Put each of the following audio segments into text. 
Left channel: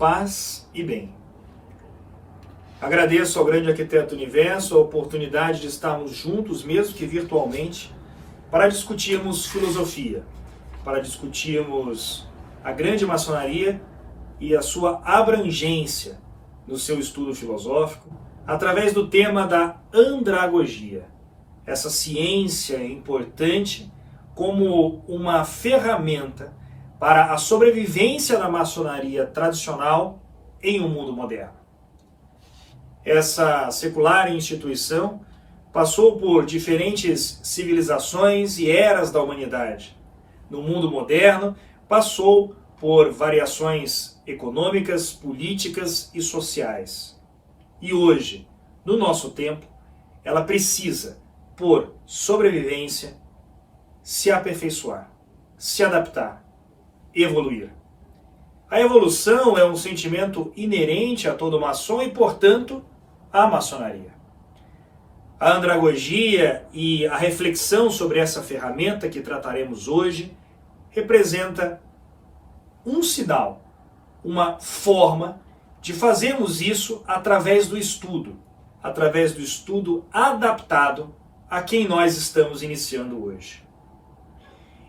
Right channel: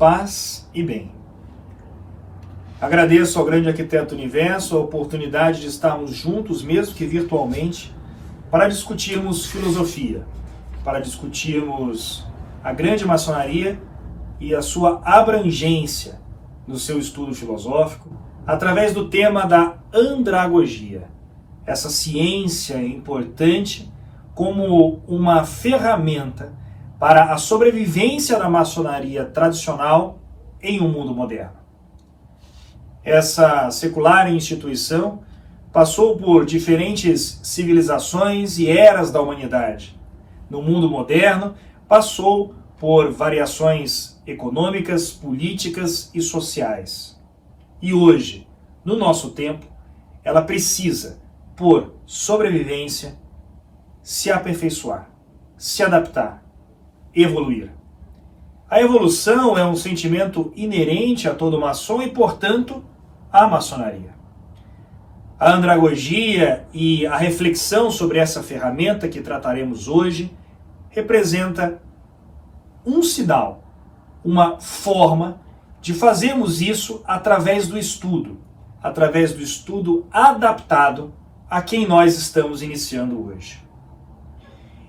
paz e bem. Agradeço ao grande arquiteto do universo a oportunidade de estarmos juntos, mesmo que virtualmente, para discutirmos filosofia, para discutirmos a grande maçonaria e a sua abrangência no seu estudo filosófico, através do tema da andragogia, essa ciência importante como uma ferramenta para a sobrevivência da maçonaria tradicional em um mundo moderno. Essa secular instituição passou por diferentes civilizações e eras da humanidade. No mundo moderno, passou por variações econômicas, políticas e sociais. E hoje, no nosso tempo, ela precisa, por sobrevivência, se aperfeiçoar, se adaptar, evoluir. A evolução é um sentimento inerente a todo maçom e, portanto, à maçonaria. A andragogia e a reflexão sobre essa ferramenta que trataremos hoje representa um sinal, uma forma de fazermos isso através do estudo adaptado a quem nós estamos iniciando hoje.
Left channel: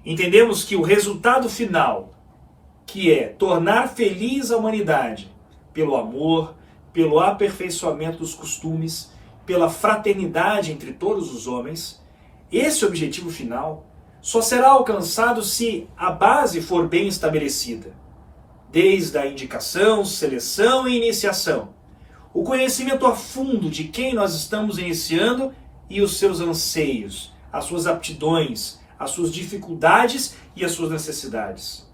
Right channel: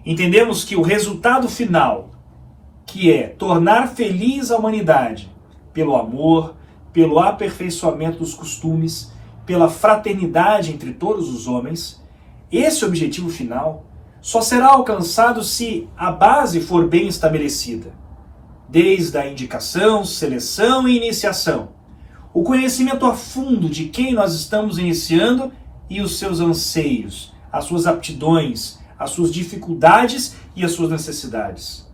Entendemos que o resultado final, que é tornar feliz a humanidade pelo amor, pelo aperfeiçoamento dos costumes, pela fraternidade entre todos os homens, esse objetivo final só será alcançado se a base for bem estabelecida, desde a indicação, seleção e iniciação, o conhecimento a fundo de quem nós estamos iniciando e os seus anseios, as suas aptidões, as suas dificuldades e as suas necessidades.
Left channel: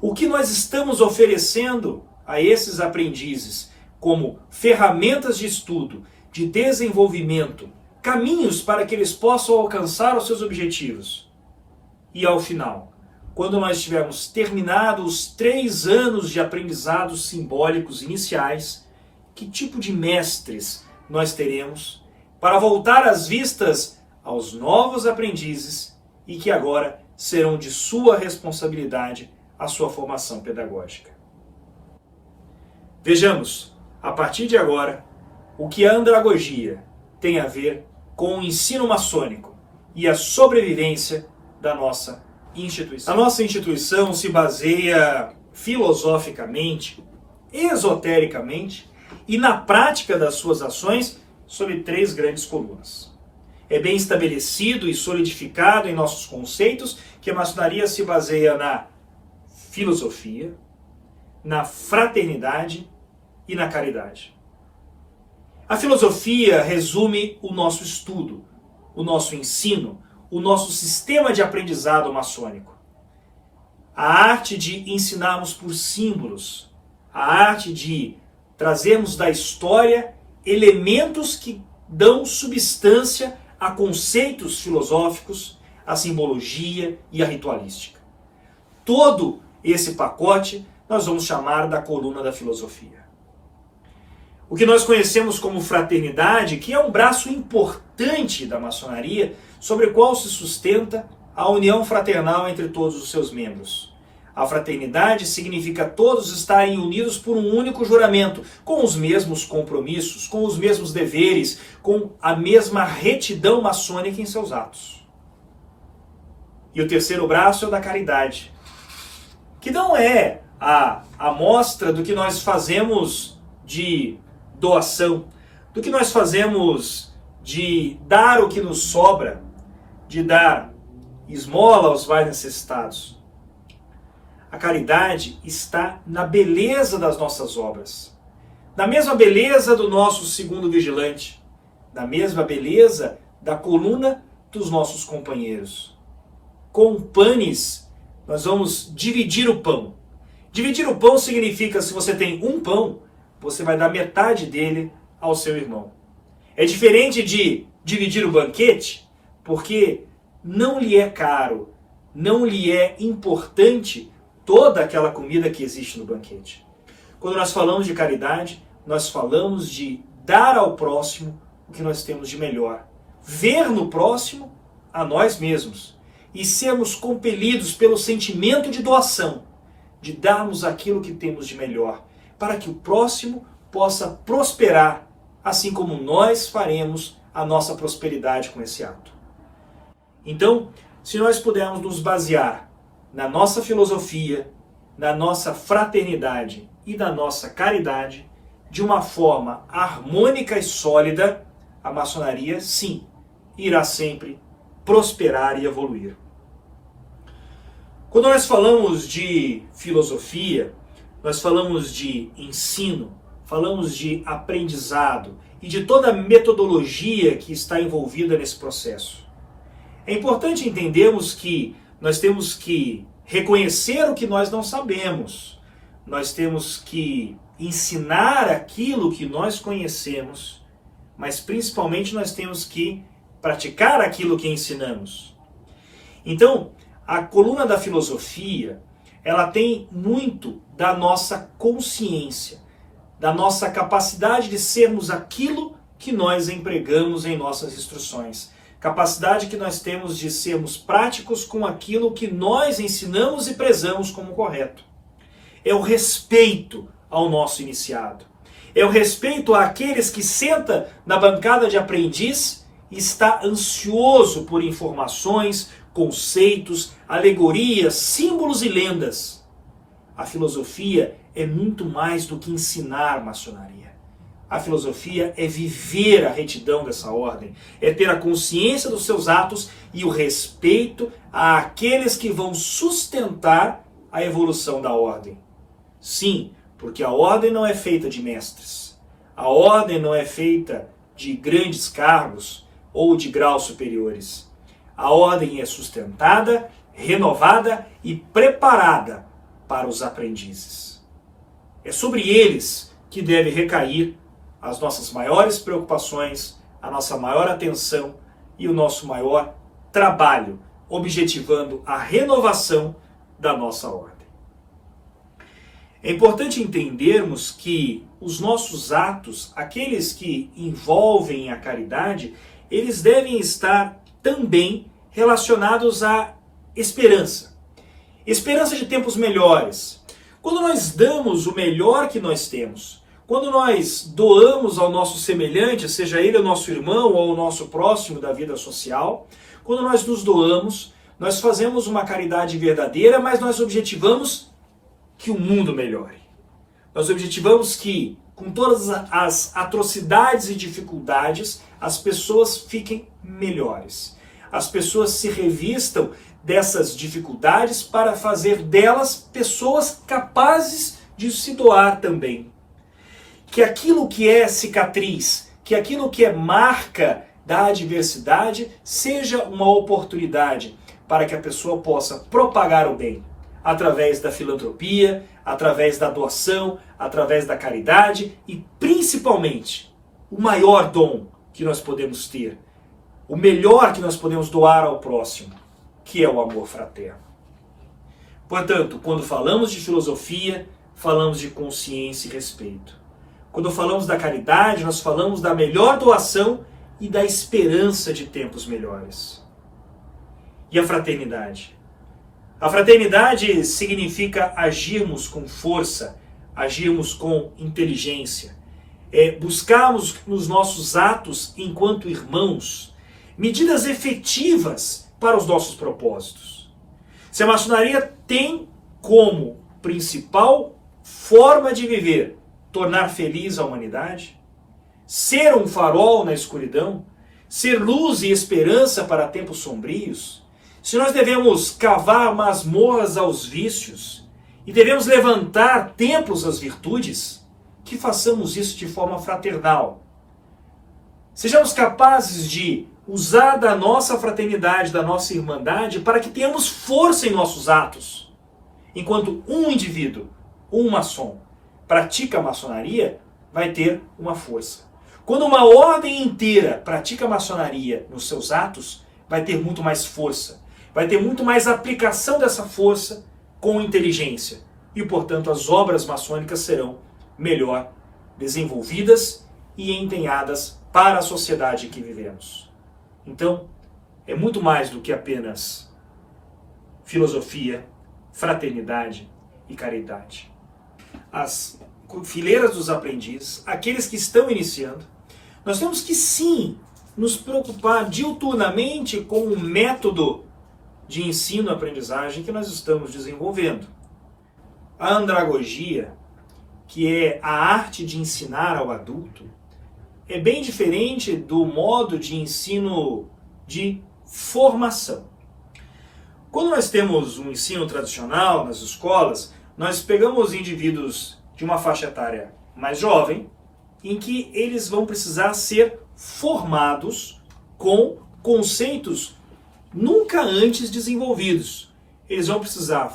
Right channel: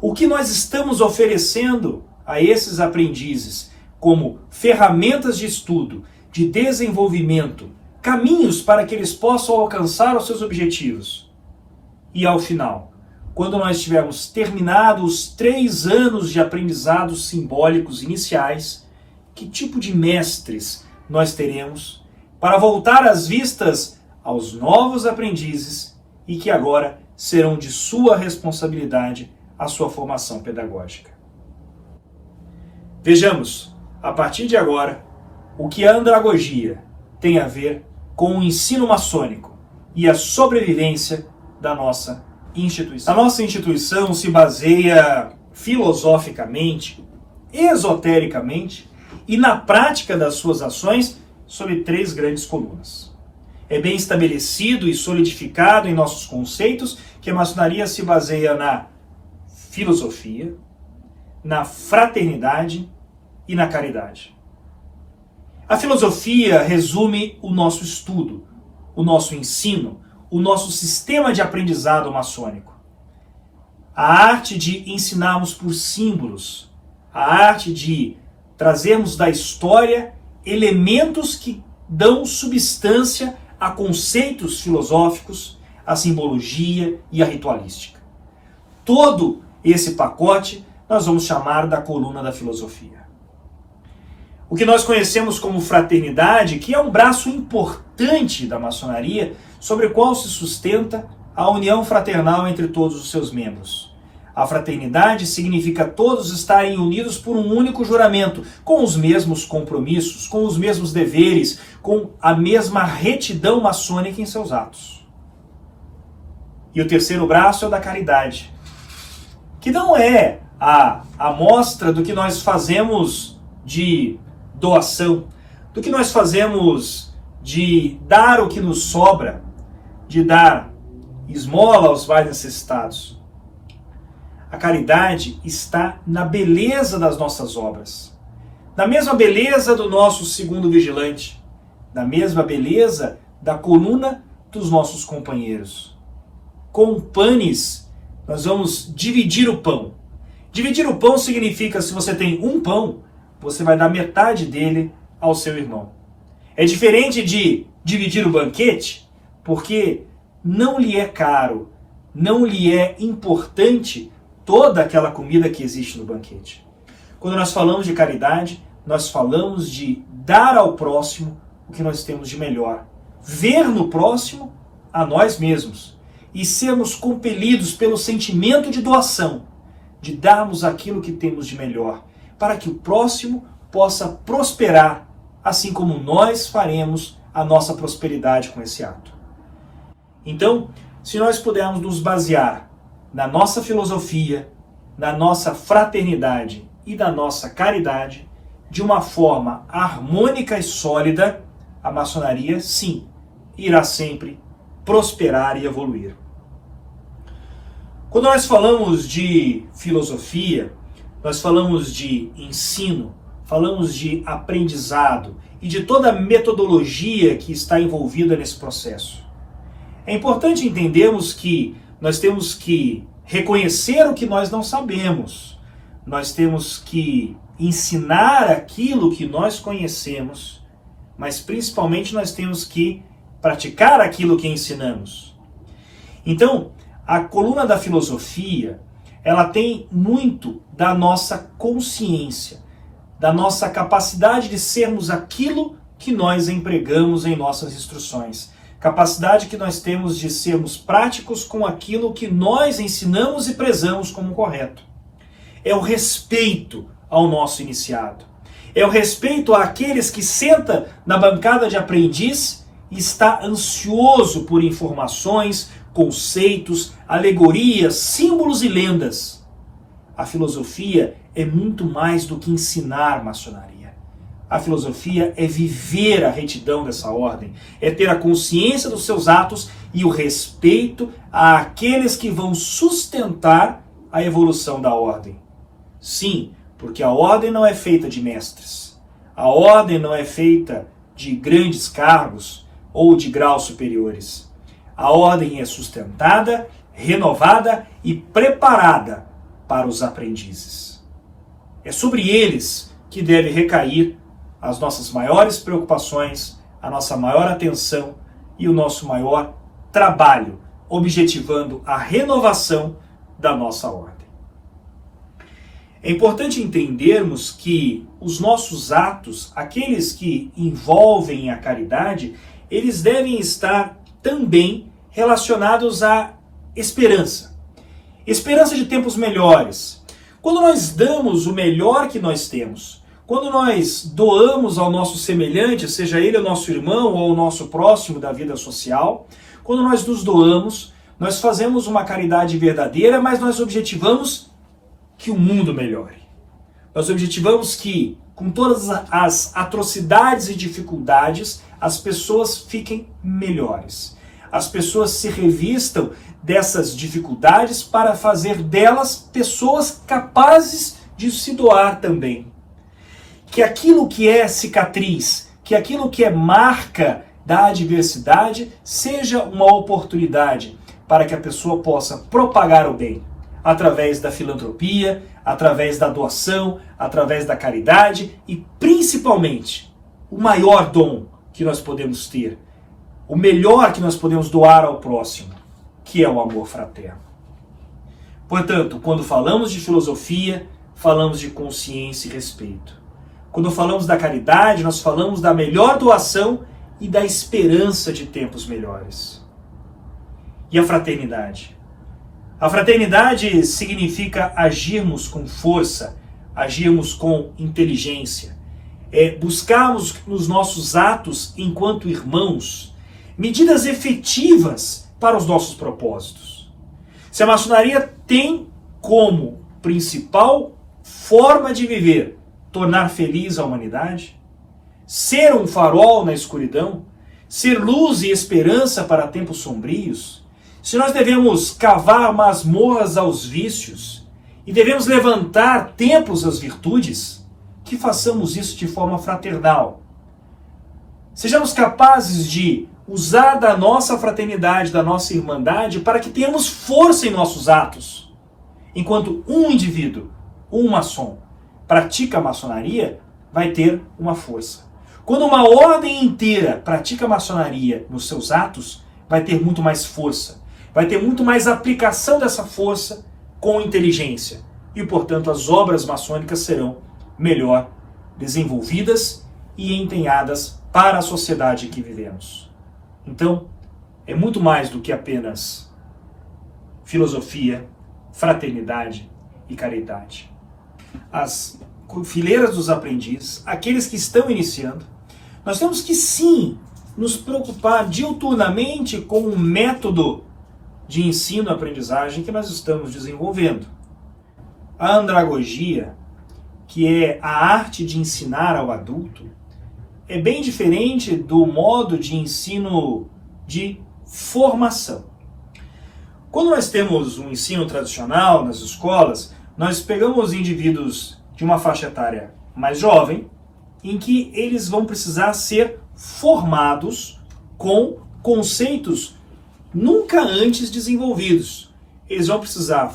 O que nós estamos oferecendo a esses aprendizes como ferramentas de estudo, de desenvolvimento, caminhos para que eles possam alcançar os seus objetivos. E ao final, quando nós tivermos terminado os 3 anos de aprendizados simbólicos iniciais, que tipo de mestres nós teremos para voltar as vistas aos novos aprendizes e que agora serão de sua responsabilidade a sua formação pedagógica. Vejamos, a partir de agora, o que a andragogia tem a ver com o ensino maçônico e a sobrevivência da nossa instituição. A nossa instituição se baseia filosoficamente, esotericamente e na prática das suas ações sobre 3 grandes colunas. É bem estabelecido e solidificado em nossos conceitos que a maçonaria se baseia na filosofia, na fraternidade e na caridade. A filosofia resume o nosso estudo, o nosso ensino, o nosso sistema de aprendizado maçônico. A arte de ensinarmos por símbolos, a arte de trazermos da história elementos que dão substância a conceitos filosóficos, a simbologia e a ritualística. Todo esse pacote nós vamos chamar da coluna da filosofia. O que nós conhecemos como fraternidade, que é um braço importante da maçonaria, sobre o qual se sustenta a união fraternal entre todos os seus membros. A fraternidade significa todos estarem unidos por um único juramento, com os mesmos compromissos, com os mesmos deveres, com a mesma retidão maçônica em seus atos. E o terceiro braço é o da caridade, que não é a amostra do que nós fazemos de doação, do que nós fazemos de dar o que nos sobra, de dar esmola aos mais necessitados. A caridade está na beleza das nossas obras, na mesma beleza do nosso segundo vigilante, na mesma beleza da coluna dos nossos companheiros. Com panes, nós vamos dividir o pão. Dividir o pão significa, se você tem um pão, você vai dar metade dele ao seu irmão. É diferente de dividir o banquete, porque não lhe é caro, não lhe é importante toda aquela comida que existe no banquete. Quando nós falamos de caridade, nós falamos de dar ao próximo o que nós temos de melhor. Ver no próximo a nós mesmos e sermos compelidos pelo sentimento de doação, de darmos aquilo que temos de melhor, para que o próximo possa prosperar, assim como nós faremos a nossa prosperidade com esse ato. Então, se nós pudermos nos basear na nossa filosofia, na nossa fraternidade e na nossa caridade, de uma forma harmônica e sólida, a maçonaria, sim, irá sempre prosperar e evoluir. Quando nós falamos de filosofia, nós falamos de ensino, falamos de aprendizado e de toda a metodologia que está envolvida nesse processo. É importante entendermos que nós temos que reconhecer o que nós não sabemos. Nós temos que ensinar aquilo que nós conhecemos, mas principalmente nós temos que praticar aquilo que ensinamos. Então, a coluna da filosofia, ela tem muito da nossa consciência, da nossa capacidade de sermos aquilo que nós empregamos em nossas instruções. Capacidade que nós temos de sermos práticos com aquilo que nós ensinamos e prezamos como correto. É o respeito ao nosso iniciado. É o respeito àqueles que senta na bancada de aprendiz e está ansioso por informações, conceitos, alegorias, símbolos e lendas. A filosofia é muito mais do que ensinar maçonaria. A filosofia é viver a retidão dessa ordem, é ter a consciência dos seus atos e o respeito àqueles que vão sustentar a evolução da ordem. Sim, porque a ordem não é feita de mestres. A ordem não é feita de grandes cargos ou de graus superiores. A ordem é sustentada, renovada e preparada para os aprendizes. É sobre eles que deve recair as nossas maiores preocupações, a nossa maior atenção e o nosso maior trabalho, objetivando a renovação da nossa ordem. É importante entendermos que os nossos atos, aqueles que envolvem a caridade, eles devem estar também relacionados à esperança. Esperança de tempos melhores. Quando nós damos o melhor que nós temos, quando nós doamos ao nosso semelhante, seja ele o nosso irmão ou o nosso próximo da vida social, quando nós nos doamos, nós fazemos uma caridade verdadeira, mas nós objetivamos que o mundo melhore. Nós objetivamos que, com todas as atrocidades e dificuldades, as pessoas fiquem melhores. As pessoas se revistam dessas dificuldades para fazer delas pessoas capazes de se doar também. Que aquilo que é cicatriz, que aquilo que é marca da adversidade, seja uma oportunidade para que a pessoa possa propagar o bem, através da filantropia, através da doação, através da caridade e, principalmente, o maior dom que nós podemos ter, o melhor que nós podemos doar ao próximo, que é o amor fraterno. Portanto, quando falamos de filosofia, falamos de consciência e respeito. Quando falamos da caridade, nós falamos da melhor doação e da esperança de tempos melhores. E a fraternidade? A fraternidade significa agirmos com força, agirmos com inteligência, buscarmos nos nossos atos, enquanto irmãos, medidas efetivas para os nossos propósitos. Se a maçonaria tem como principal forma de viver tornar feliz a humanidade, ser um farol na escuridão, ser luz e esperança para tempos sombrios, se nós devemos cavar masmorras aos vícios e devemos levantar templos às virtudes, que façamos isso de forma fraternal. Sejamos capazes de usar da nossa fraternidade, da nossa irmandade, para que tenhamos força em nossos atos. Enquanto um indivíduo, um maçom, pratica a maçonaria, vai ter uma força. Quando uma ordem inteira pratica a maçonaria nos seus atos, vai ter muito mais força. Vai ter muito mais aplicação dessa força com inteligência. E, portanto, as obras maçônicas serão melhor desenvolvidas e empenhadas para a sociedade em que vivemos. Então, é muito mais do que apenas filosofia, fraternidade e caridade. As fileiras dos aprendizes, aqueles que estão iniciando, nós temos que sim nos preocupar diuturnamente com o método de ensino-aprendizagem que nós estamos desenvolvendo. A andragogia, que é a arte de ensinar ao adulto, é bem diferente do modo de ensino de formação. Quando nós temos um ensino tradicional nas escolas, nós pegamos indivíduos de uma faixa etária mais jovem, em que eles vão precisar ser formados com conceitos nunca antes desenvolvidos. Eles vão precisar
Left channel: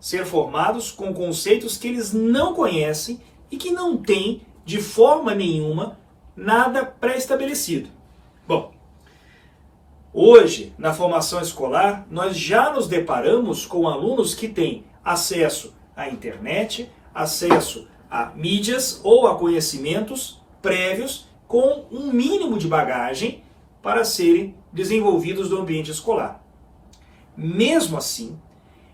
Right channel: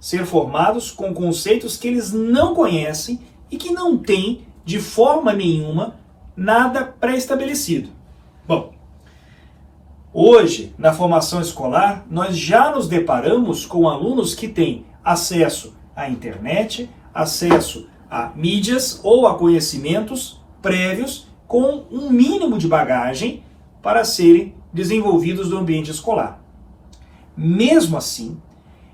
ser formados com conceitos que eles não conhecem e que não têm, de forma nenhuma, nada pré-estabelecido. Bom, hoje, na formação escolar, nós já nos deparamos com alunos que têm acesso à internet, acesso a mídias ou a conhecimentos prévios com um mínimo de bagagem para serem desenvolvidos no ambiente escolar. Mesmo assim,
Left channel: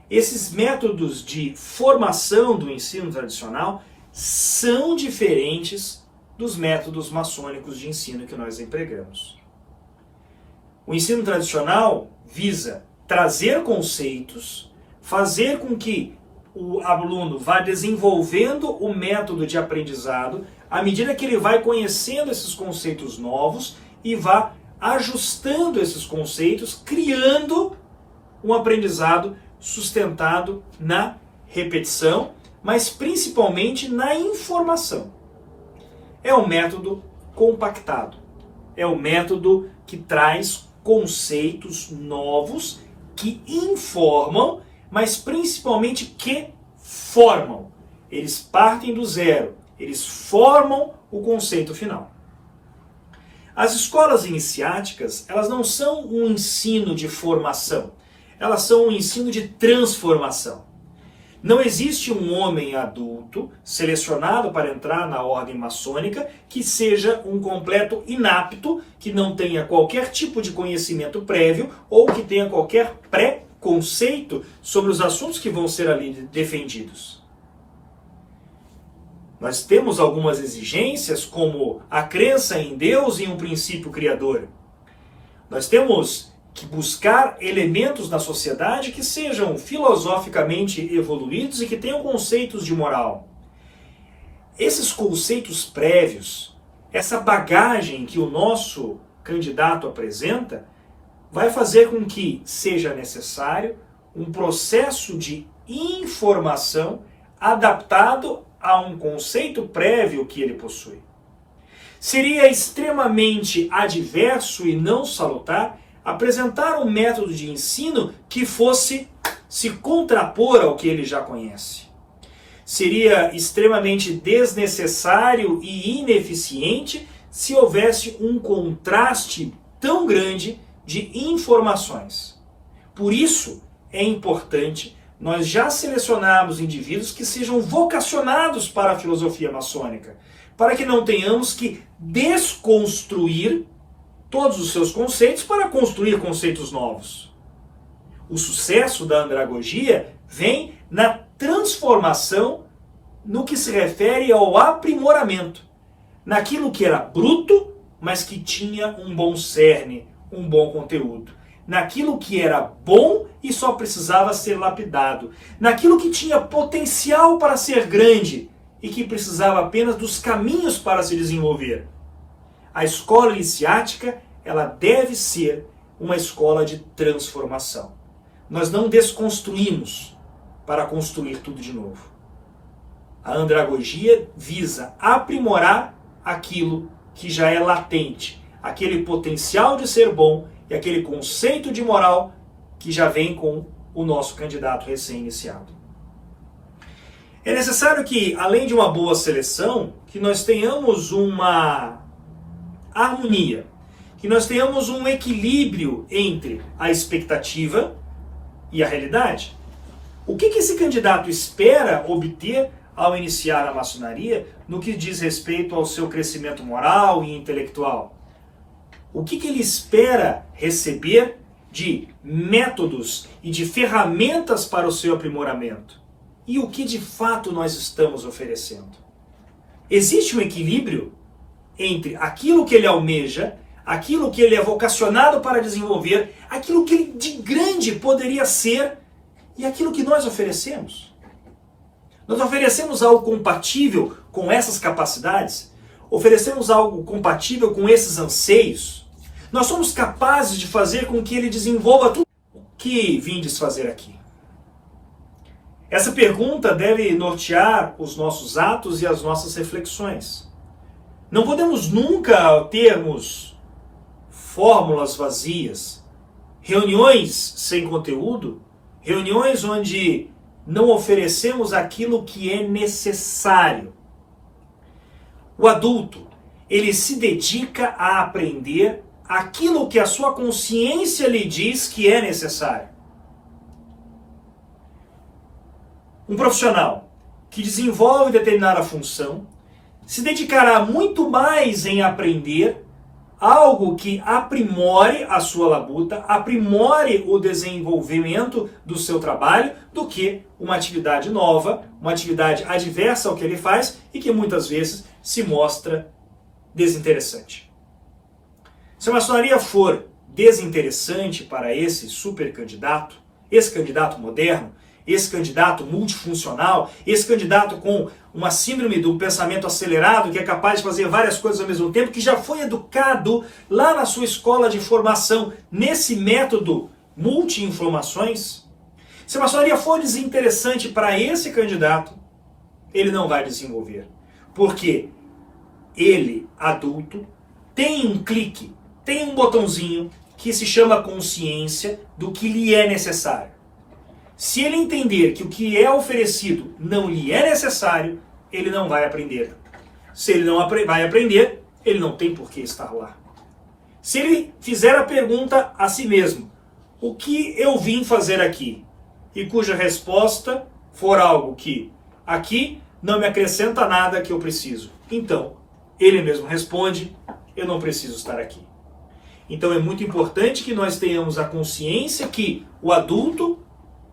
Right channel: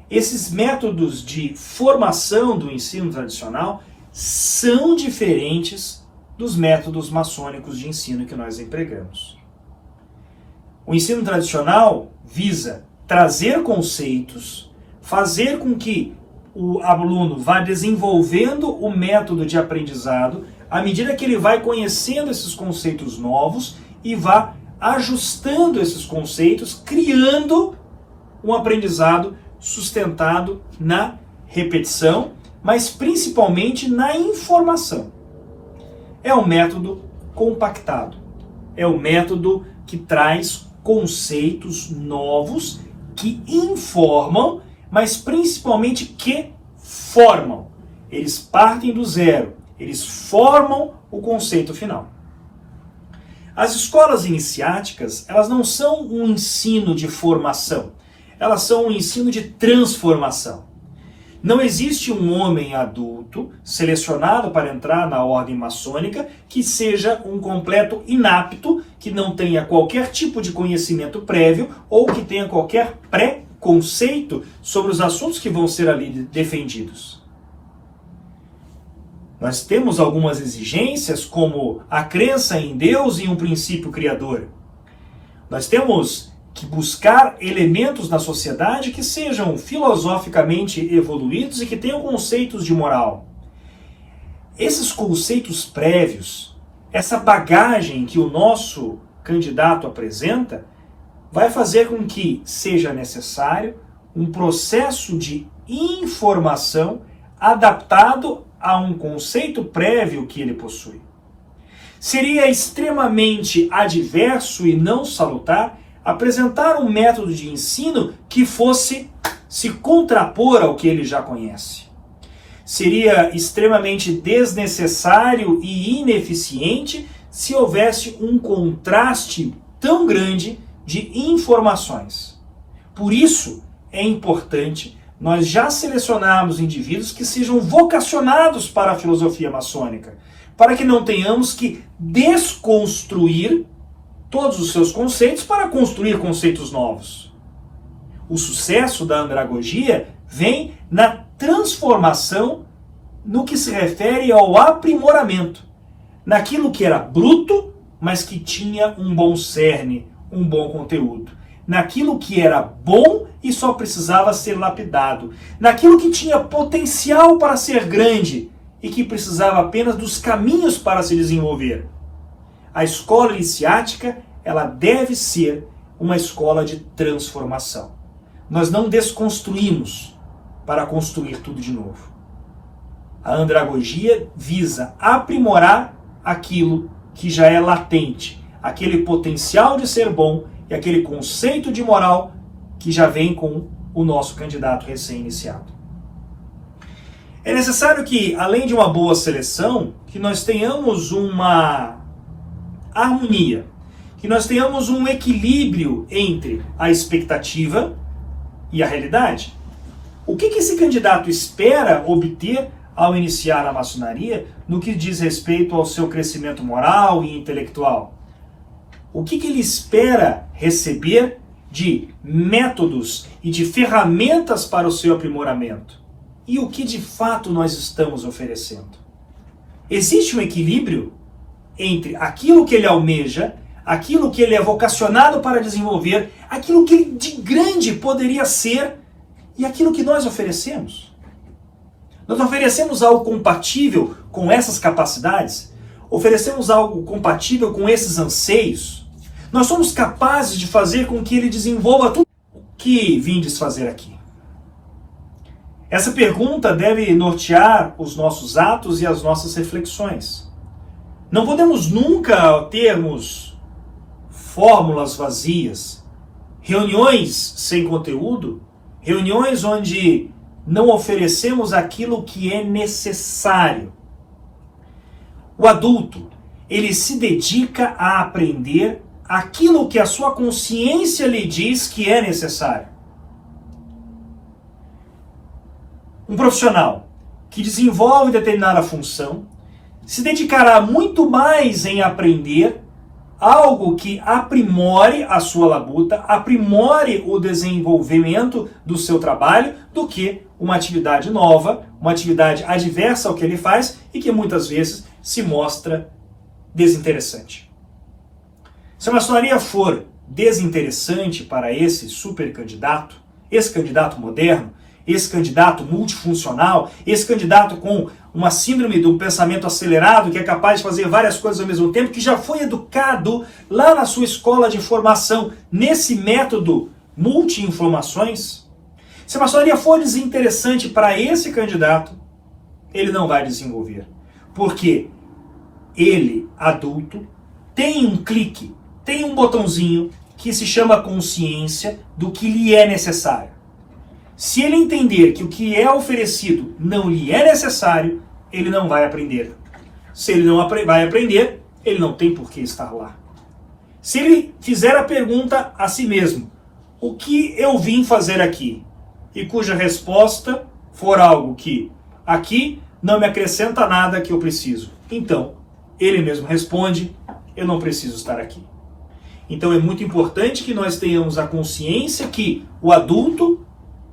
esses métodos de formação do ensino tradicional são diferentes dos métodos maçônicos de ensino que nós empregamos. O ensino tradicional visa trazer conceitos, fazer com que o aluno vá desenvolvendo o método de aprendizado à medida que ele vai conhecendo esses conceitos novos e vá ajustando esses conceitos, criando um aprendizado sustentado na repetição, mas principalmente na informação. É um método compactado, é um método que traz conceitos novos que informam, mas principalmente que formam. Eles partem do zero, eles formam o conceito final. As escolas iniciáticas, elas não são um ensino de formação, elas são um ensino de transformação. Não existe um homem adulto selecionado para entrar na ordem maçônica que seja um completo inapto, que não tenha qualquer tipo de conhecimento prévio ou que tenha qualquer preconceito sobre os assuntos que vão ser ali defendidos. Nós temos algumas exigências, como a crença em Deus e um princípio criador. Nós temos que buscar elementos na sociedade que sejam filosoficamente evoluídos e que tenham conceitos de moral. Esses conceitos prévios, essa bagagem que o nosso candidato apresenta, vai fazer com que seja necessário um processo de informação adaptado a um conceito prévio que ele possui. Seria extremamente adverso e não salutar apresentar um método de ensino que fosse se contrapor ao que ele já conhece. Seria extremamente desnecessário e ineficiente se houvesse um contraste tão grande de informações. Por isso, é importante nós já selecionarmos indivíduos que sejam vocacionados para a filosofia maçônica, para que não tenhamos que desconstruir todos os seus conceitos para construir conceitos novos. O sucesso da andragogia vem na transformação no que se refere ao aprimoramento, naquilo que era bruto, mas que tinha um bom cerne, um bom conteúdo, naquilo que era bom e só precisava ser lapidado, naquilo que tinha potencial para ser grande e que precisava apenas dos caminhos para se desenvolver. A escola iniciática, ela deve ser uma escola de transformação. Nós não desconstruímos para construir tudo de novo. A andragogia visa aprimorar aquilo que já é latente, aquele potencial de ser bom e aquele conceito de moral que já vem com o nosso candidato recém-iniciado. É necessário que, além de uma boa seleção, que nós tenhamos uma harmonia, que nós tenhamos um equilíbrio entre a expectativa e a realidade. O que esse candidato espera obter ao iniciar na maçonaria no que diz respeito ao seu crescimento moral e intelectual? O que ele espera receber de métodos e de ferramentas para o seu aprimoramento? e o que de fato nós estamos oferecendo. Existe um equilíbrio entre aquilo que ele almeja, aquilo que ele é vocacionado para desenvolver, aquilo que ele de grande poderia ser e aquilo que nós oferecemos. Nós oferecemos algo compatível com essas capacidades? Oferecemos algo compatível com esses anseios? Nós somos capazes de fazer com que ele desenvolva tudo o que vindes fazer aqui? Essa pergunta deve nortear os nossos atos e as nossas reflexões. Não podemos nunca termos fórmulas vazias, reuniões sem conteúdo, reuniões onde não oferecemos aquilo que é necessário. O adulto, ele se dedica a aprender aquilo que a sua consciência lhe diz que é necessário. Um profissional que desenvolve determinada função se dedicará muito mais em aprender algo que aprimore a sua labuta, aprimore o desenvolvimento do seu trabalho, do que uma atividade nova, uma atividade adversa ao que ele faz e que muitas vezes se mostra desinteressante. Se a maçonaria for desinteressante para esse super candidato, esse candidato moderno, esse candidato multifuncional, esse candidato com uma síndrome do pensamento acelerado, que é capaz de fazer várias coisas ao mesmo tempo, que já foi educado lá na sua escola de formação nesse método multi-informações, se a maçonaria for desinteressante para esse candidato, ele não vai desenvolver. Porque ele, adulto, tem um clique, tem um botãozinho que se chama consciência do que lhe é necessário. Se ele entender que o que é oferecido não lhe é necessário, ele não vai aprender. Se ele não vai aprender, ele não tem por que estar lá. Se ele fizer a pergunta a si mesmo, o que eu vim fazer aqui? E cuja resposta for algo que aqui não me acrescenta nada que eu preciso. Então, ele mesmo responde, eu não preciso estar aqui. Então é muito importante que nós tenhamos a consciência que o adulto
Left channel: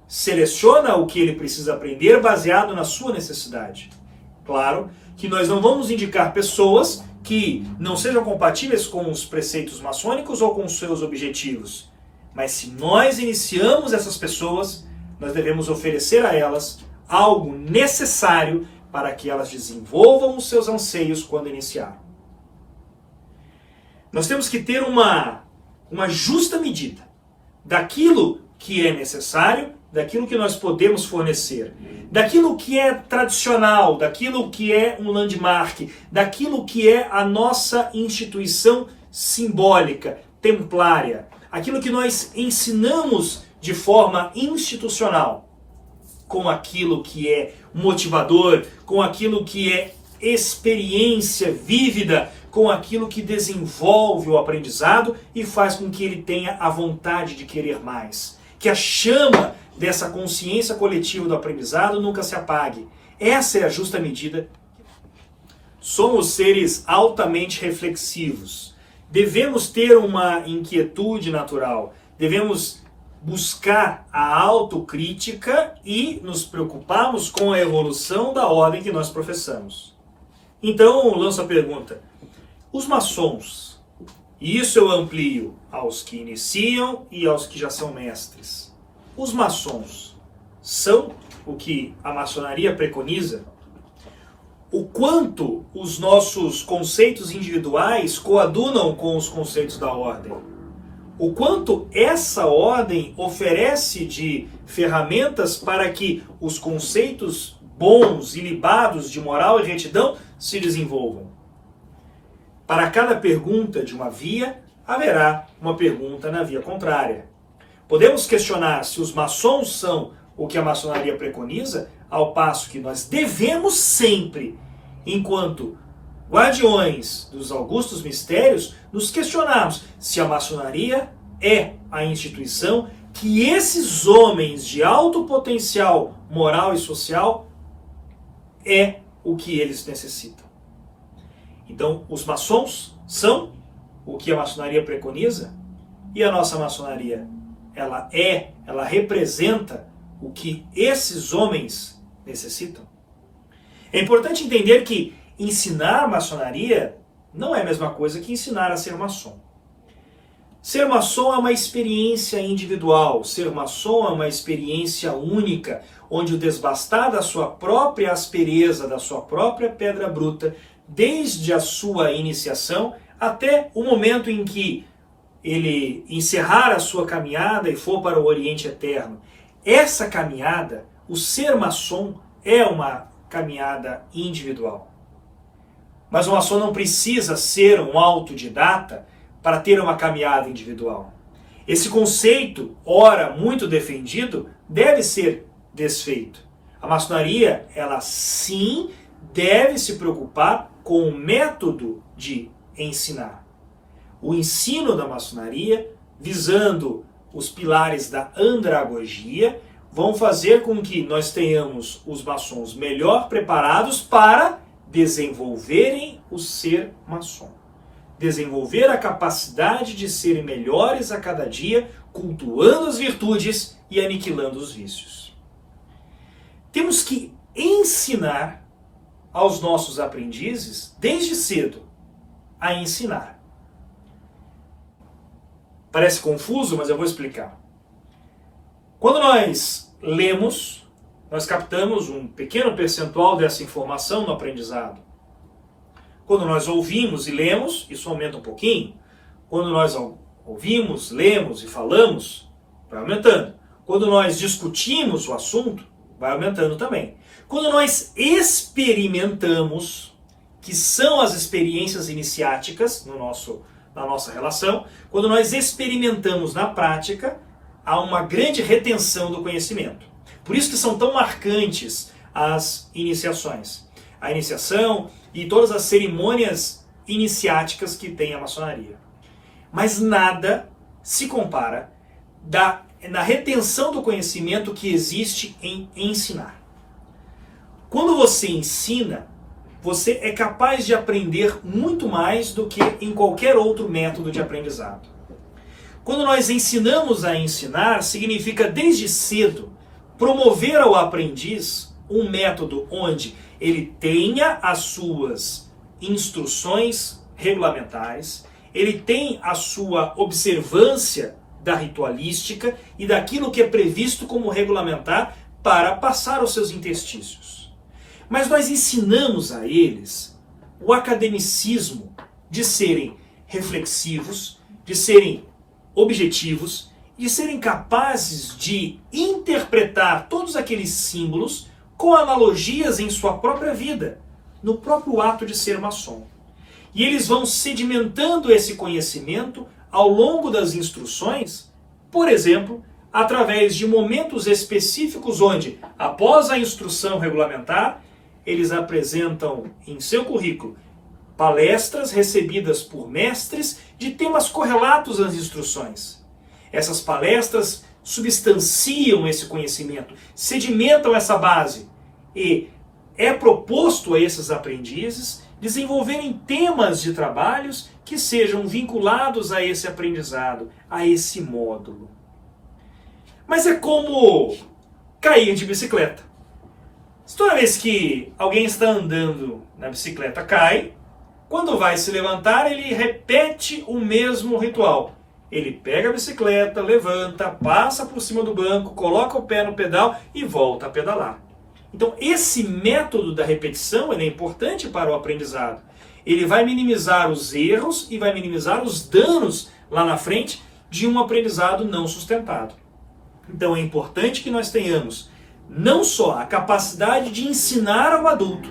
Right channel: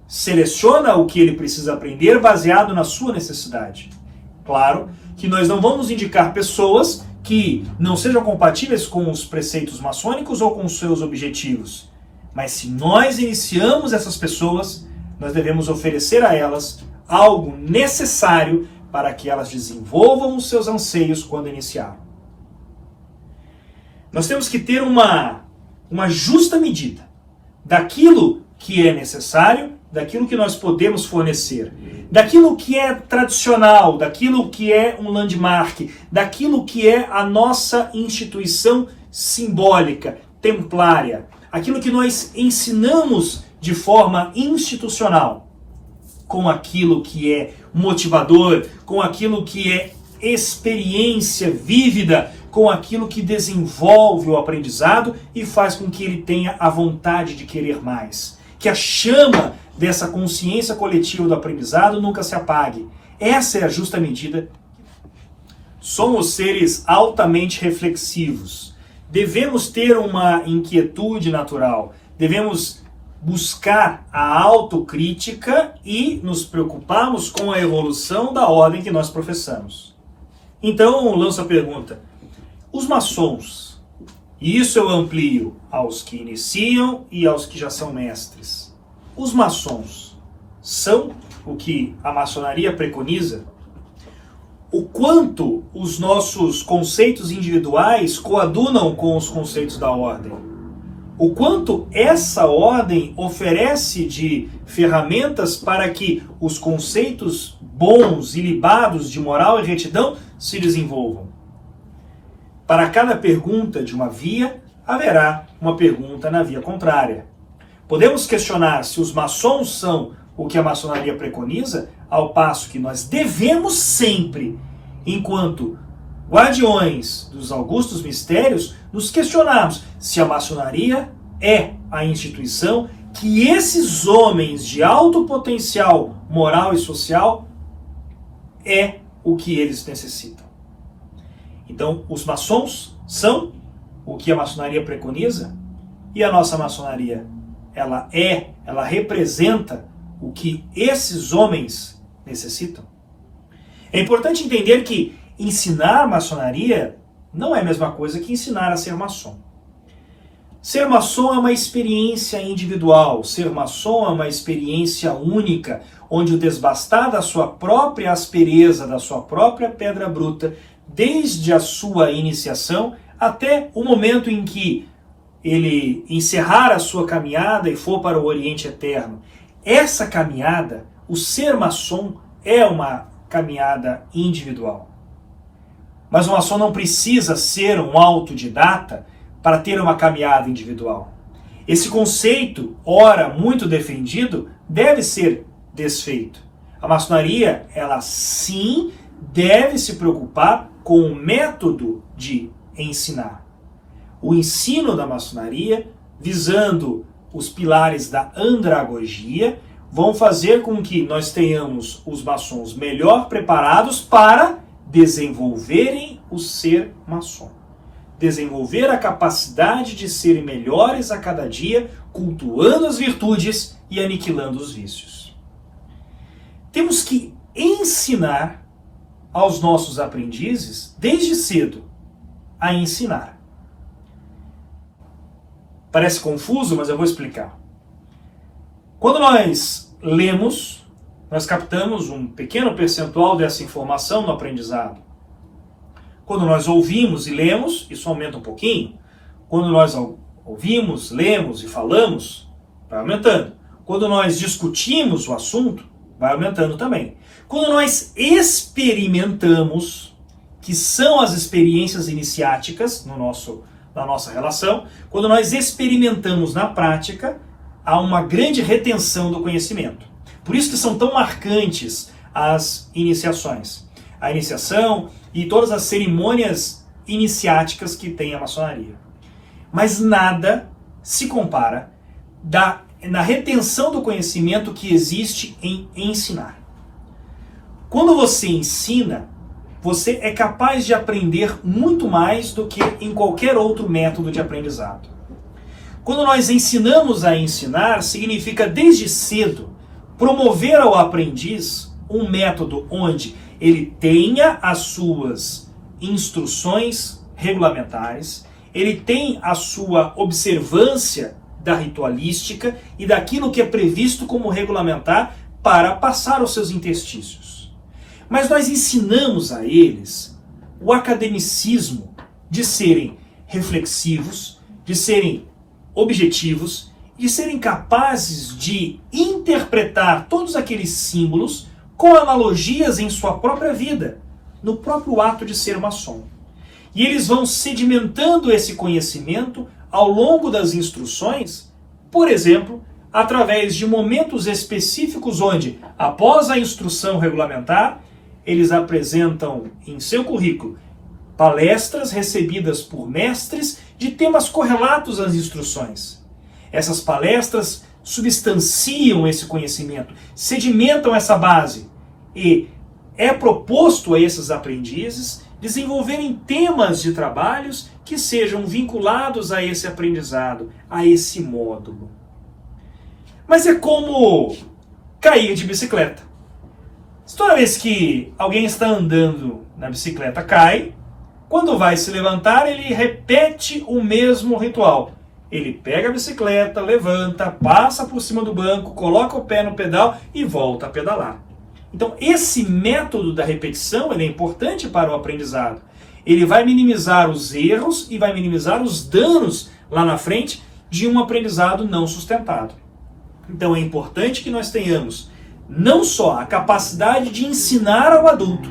seleciona o que ele precisa aprender baseado na sua necessidade. Claro que nós não vamos indicar pessoas que não sejam compatíveis com os preceitos maçônicos ou com os seus objetivos. Mas se nós iniciamos essas pessoas, nós devemos oferecer a elas algo necessário para que elas desenvolvam os seus anseios quando iniciaram. Nós temos que ter uma justa medida daquilo que é necessário, daquilo que nós podemos fornecer, daquilo que é tradicional, daquilo que é um landmark, daquilo que é a nossa instituição simbólica, templária, aquilo que nós ensinamos de forma institucional, com aquilo que é motivador, com aquilo que é experiência vívida, com aquilo que desenvolve o aprendizado e faz com que ele tenha a vontade de querer mais. Que a chama dessa consciência coletiva do aprendizado nunca se apague. Essa é a justa medida. Somos seres altamente reflexivos. Devemos ter uma inquietude natural. Devemos buscar a autocrítica e nos preocuparmos com a evolução da ordem que nós professamos. Então, lanço a pergunta. Os maçons, e isso eu amplio aos que iniciam e aos que já são mestres. Os maçons são o que a maçonaria preconiza? O quanto os nossos conceitos individuais coadunam com os conceitos da ordem? O quanto essa ordem oferece de ferramentas para que os conceitos bons e libados de moral e retidão se desenvolvam? Para cada pergunta de uma via, haverá uma pergunta na via contrária. Podemos questionar se os maçons são o que a maçonaria preconiza, ao passo que nós devemos sempre, enquanto guardiões dos augustos mistérios, nos questionarmos se a maçonaria é a instituição que esses homens de alto potencial moral e social é o que eles necessitam. Então, os maçons são o que a maçonaria preconiza e a nossa maçonaria, ela representa o que esses homens necessitam. É importante entender que ensinar maçonaria não é a mesma coisa que ensinar a ser maçom. Ser maçom é uma experiência individual, ser maçom é uma experiência única, onde o desbastar da sua própria aspereza, da sua própria pedra bruta, desde a sua iniciação até o momento em que ele encerrar a sua caminhada e for para o Oriente Eterno. Essa caminhada, o ser maçom, é uma caminhada individual. Mas o maçom não precisa ser um autodidata para ter uma caminhada individual. Esse conceito, ora muito defendido, deve ser desfeito. A maçonaria, ela sim deve se preocupar com o método de ensinar. O ensino da maçonaria, visando os pilares da andragogia, vão fazer com que nós tenhamos os maçons melhor preparados para desenvolverem o ser maçom. Desenvolver a capacidade de serem melhores a cada dia, cultuando as virtudes e aniquilando os vícios. Temos que ensinar aos nossos aprendizes, desde cedo, a ensinar. Parece confuso, mas eu vou explicar. Quando nós lemos, nós captamos um pequeno percentual dessa informação no aprendizado. Quando nós ouvimos e lemos, isso aumenta um pouquinho. Quando nós ouvimos, lemos e falamos, vai aumentando. Quando nós discutimos o assunto, vai aumentando também. Quando nós experimentamos, que são as experiências iniciáticas na nossa relação, quando nós experimentamos na prática, há uma grande retenção do conhecimento. Por isso que são tão marcantes as iniciações. A iniciação e todas as cerimônias iniciáticas que tem a maçonaria. Mas nada se compara na retenção do conhecimento que existe em ensinar. Quando você ensina, você é capaz de aprender muito mais do que em qualquer outro método de aprendizado. Quando nós ensinamos a ensinar, significa desde cedo promover ao aprendiz um método onde ele tenha as suas instruções regulamentares, ele tem a sua observância da ritualística e daquilo que é previsto como regulamentar para passar aos seus interstícios. Mas nós ensinamos a eles o academicismo de serem reflexivos, de serem objetivos, de serem capazes de interpretar todos aqueles símbolos com analogias em sua própria vida, no próprio ato de ser maçom. E eles vão sedimentando esse conhecimento ao longo das instruções, por exemplo, através de momentos específicos onde, após a instrução regulamentar, eles apresentam em seu currículo palestras recebidas por mestres de temas correlatos às instruções. Essas palestras substanciam esse conhecimento, sedimentam essa base e é proposto a esses aprendizes desenvolverem temas de trabalhos que sejam vinculados a esse aprendizado, a esse módulo. Mas é como cair de bicicleta. Toda vez que alguém está andando na bicicleta, cai, quando vai se levantar, ele repete o mesmo ritual. Ele pega a bicicleta, levanta, passa por cima do banco, coloca o pé no pedal e volta a pedalar. Então, esse método da repetição ele é importante para o aprendizado. Ele vai minimizar os erros e vai minimizar os danos lá na frente de um aprendizado não sustentado. Então, é importante que nós tenhamos não só a capacidade de ensinar ao adulto,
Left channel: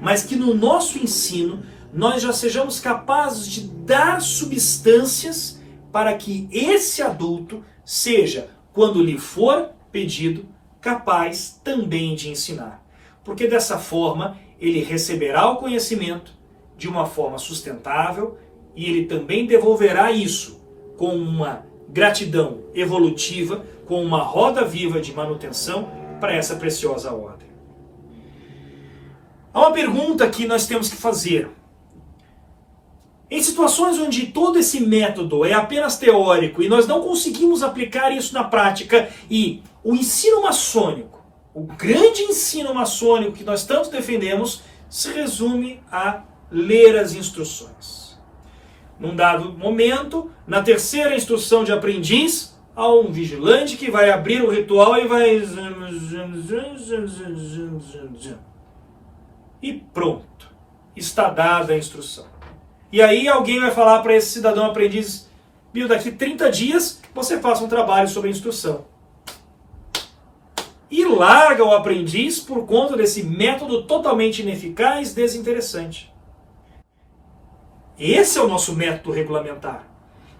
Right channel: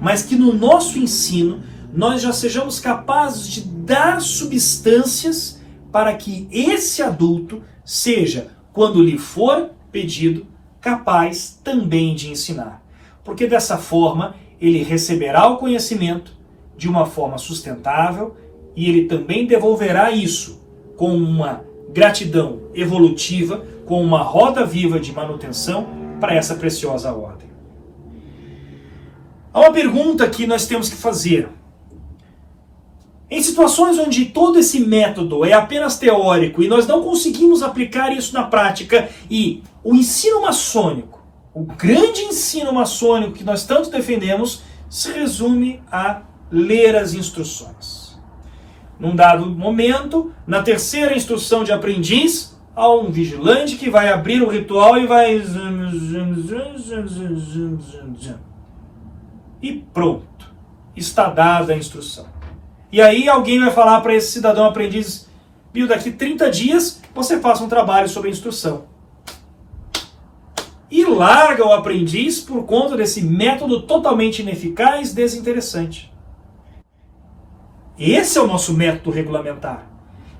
mas que no nosso ensino nós já sejamos capazes de dar substâncias para que esse adulto seja, quando lhe for pedido, capaz também de ensinar. Porque dessa forma ele receberá o conhecimento de uma forma sustentável e ele também devolverá isso com uma gratidão evolutiva, com uma roda viva de manutenção para essa preciosa ordem. Há uma pergunta que nós temos que fazer. Em situações onde todo esse método é apenas teórico e nós não conseguimos aplicar isso na prática e o ensino maçônico O grande ensino maçônico que nós tanto defendemos se resume a ler as instruções. Num dado momento, na terceira instrução de aprendiz, há um vigilante que vai abrir o ritual e vai... E pronto. Está dada a instrução. E aí alguém vai falar para esse cidadão aprendiz: Bill, daqui 30 dias você faça um trabalho sobre a instrução. E larga o aprendiz por conta desse método totalmente ineficaz, desinteressante. Esse é o nosso método regulamentar.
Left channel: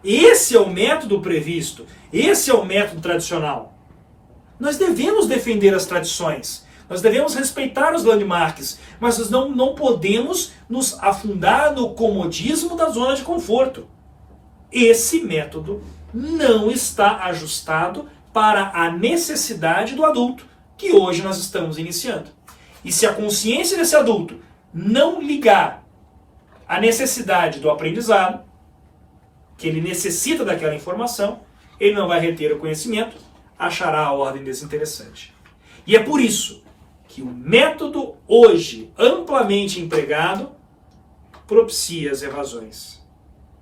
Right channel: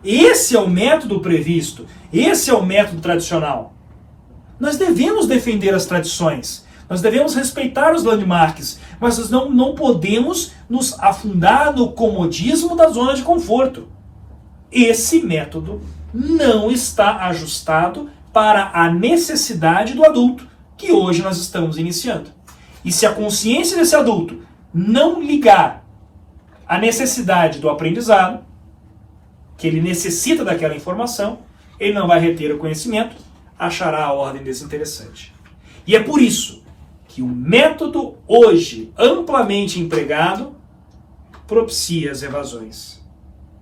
Esse é o método previsto. Esse é o método tradicional. Nós devemos defender as tradições. Nós devemos respeitar os landmarks. Mas nós não podemos nos afundar no comodismo da zona de conforto. Esse método não está ajustado para a necessidade do adulto que hoje nós estamos iniciando. E se a consciência desse adulto não ligar a necessidade do aprendizado, que ele necessita daquela informação, ele não vai reter o conhecimento, achará a ordem desinteressante. E é por isso que o método hoje amplamente empregado propicia as evasões.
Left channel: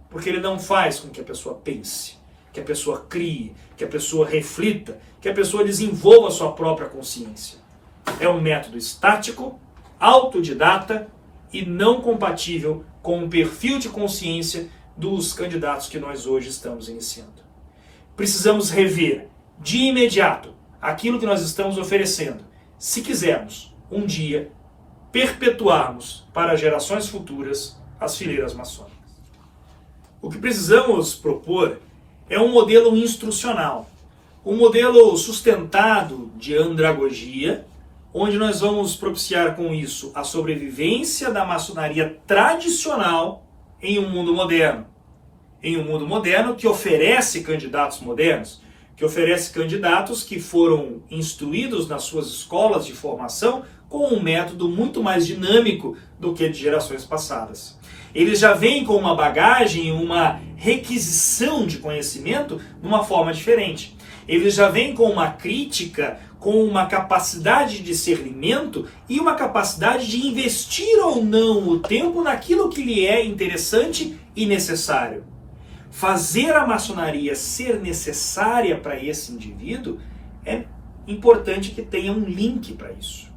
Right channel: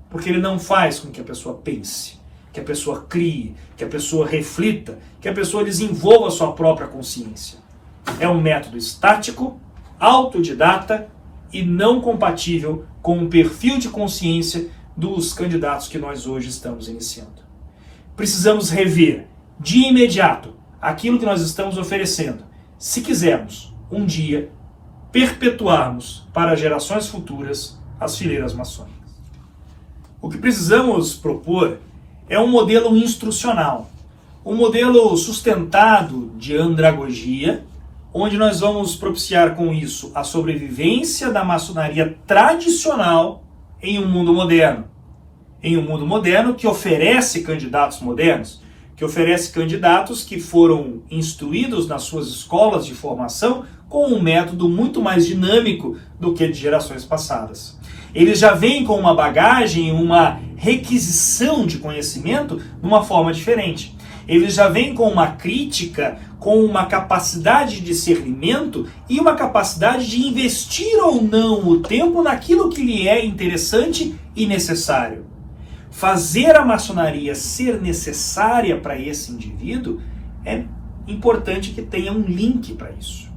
Porque ele não faz com que a pessoa pense, que a pessoa crie, que a pessoa reflita, que a pessoa desenvolva a sua própria consciência. É um método estático, autodidata e não compatível com o perfil de consciência dos candidatos que nós hoje estamos iniciando. Precisamos rever de imediato aquilo que nós estamos oferecendo, se quisermos um dia perpetuarmos para gerações futuras as fileiras maçônicas. O que precisamos propor é um modelo instrucional, um modelo sustentado de andragogia, onde nós vamos propiciar com isso a sobrevivência da maçonaria tradicional em um mundo moderno. Em um mundo moderno que oferece candidatos modernos, que oferece candidatos que foram instruídos nas suas escolas de formação com um método muito mais dinâmico do que de gerações passadas. Eles já vêm com uma bagagem, uma requisição de conhecimento de uma forma diferente. Eles já vêm com uma crítica, com uma capacidade de discernimento e uma capacidade de investir ou não o tempo naquilo que lhe é interessante e necessário. Fazer a maçonaria ser necessária para esse indivíduo é importante que tenha um link para isso.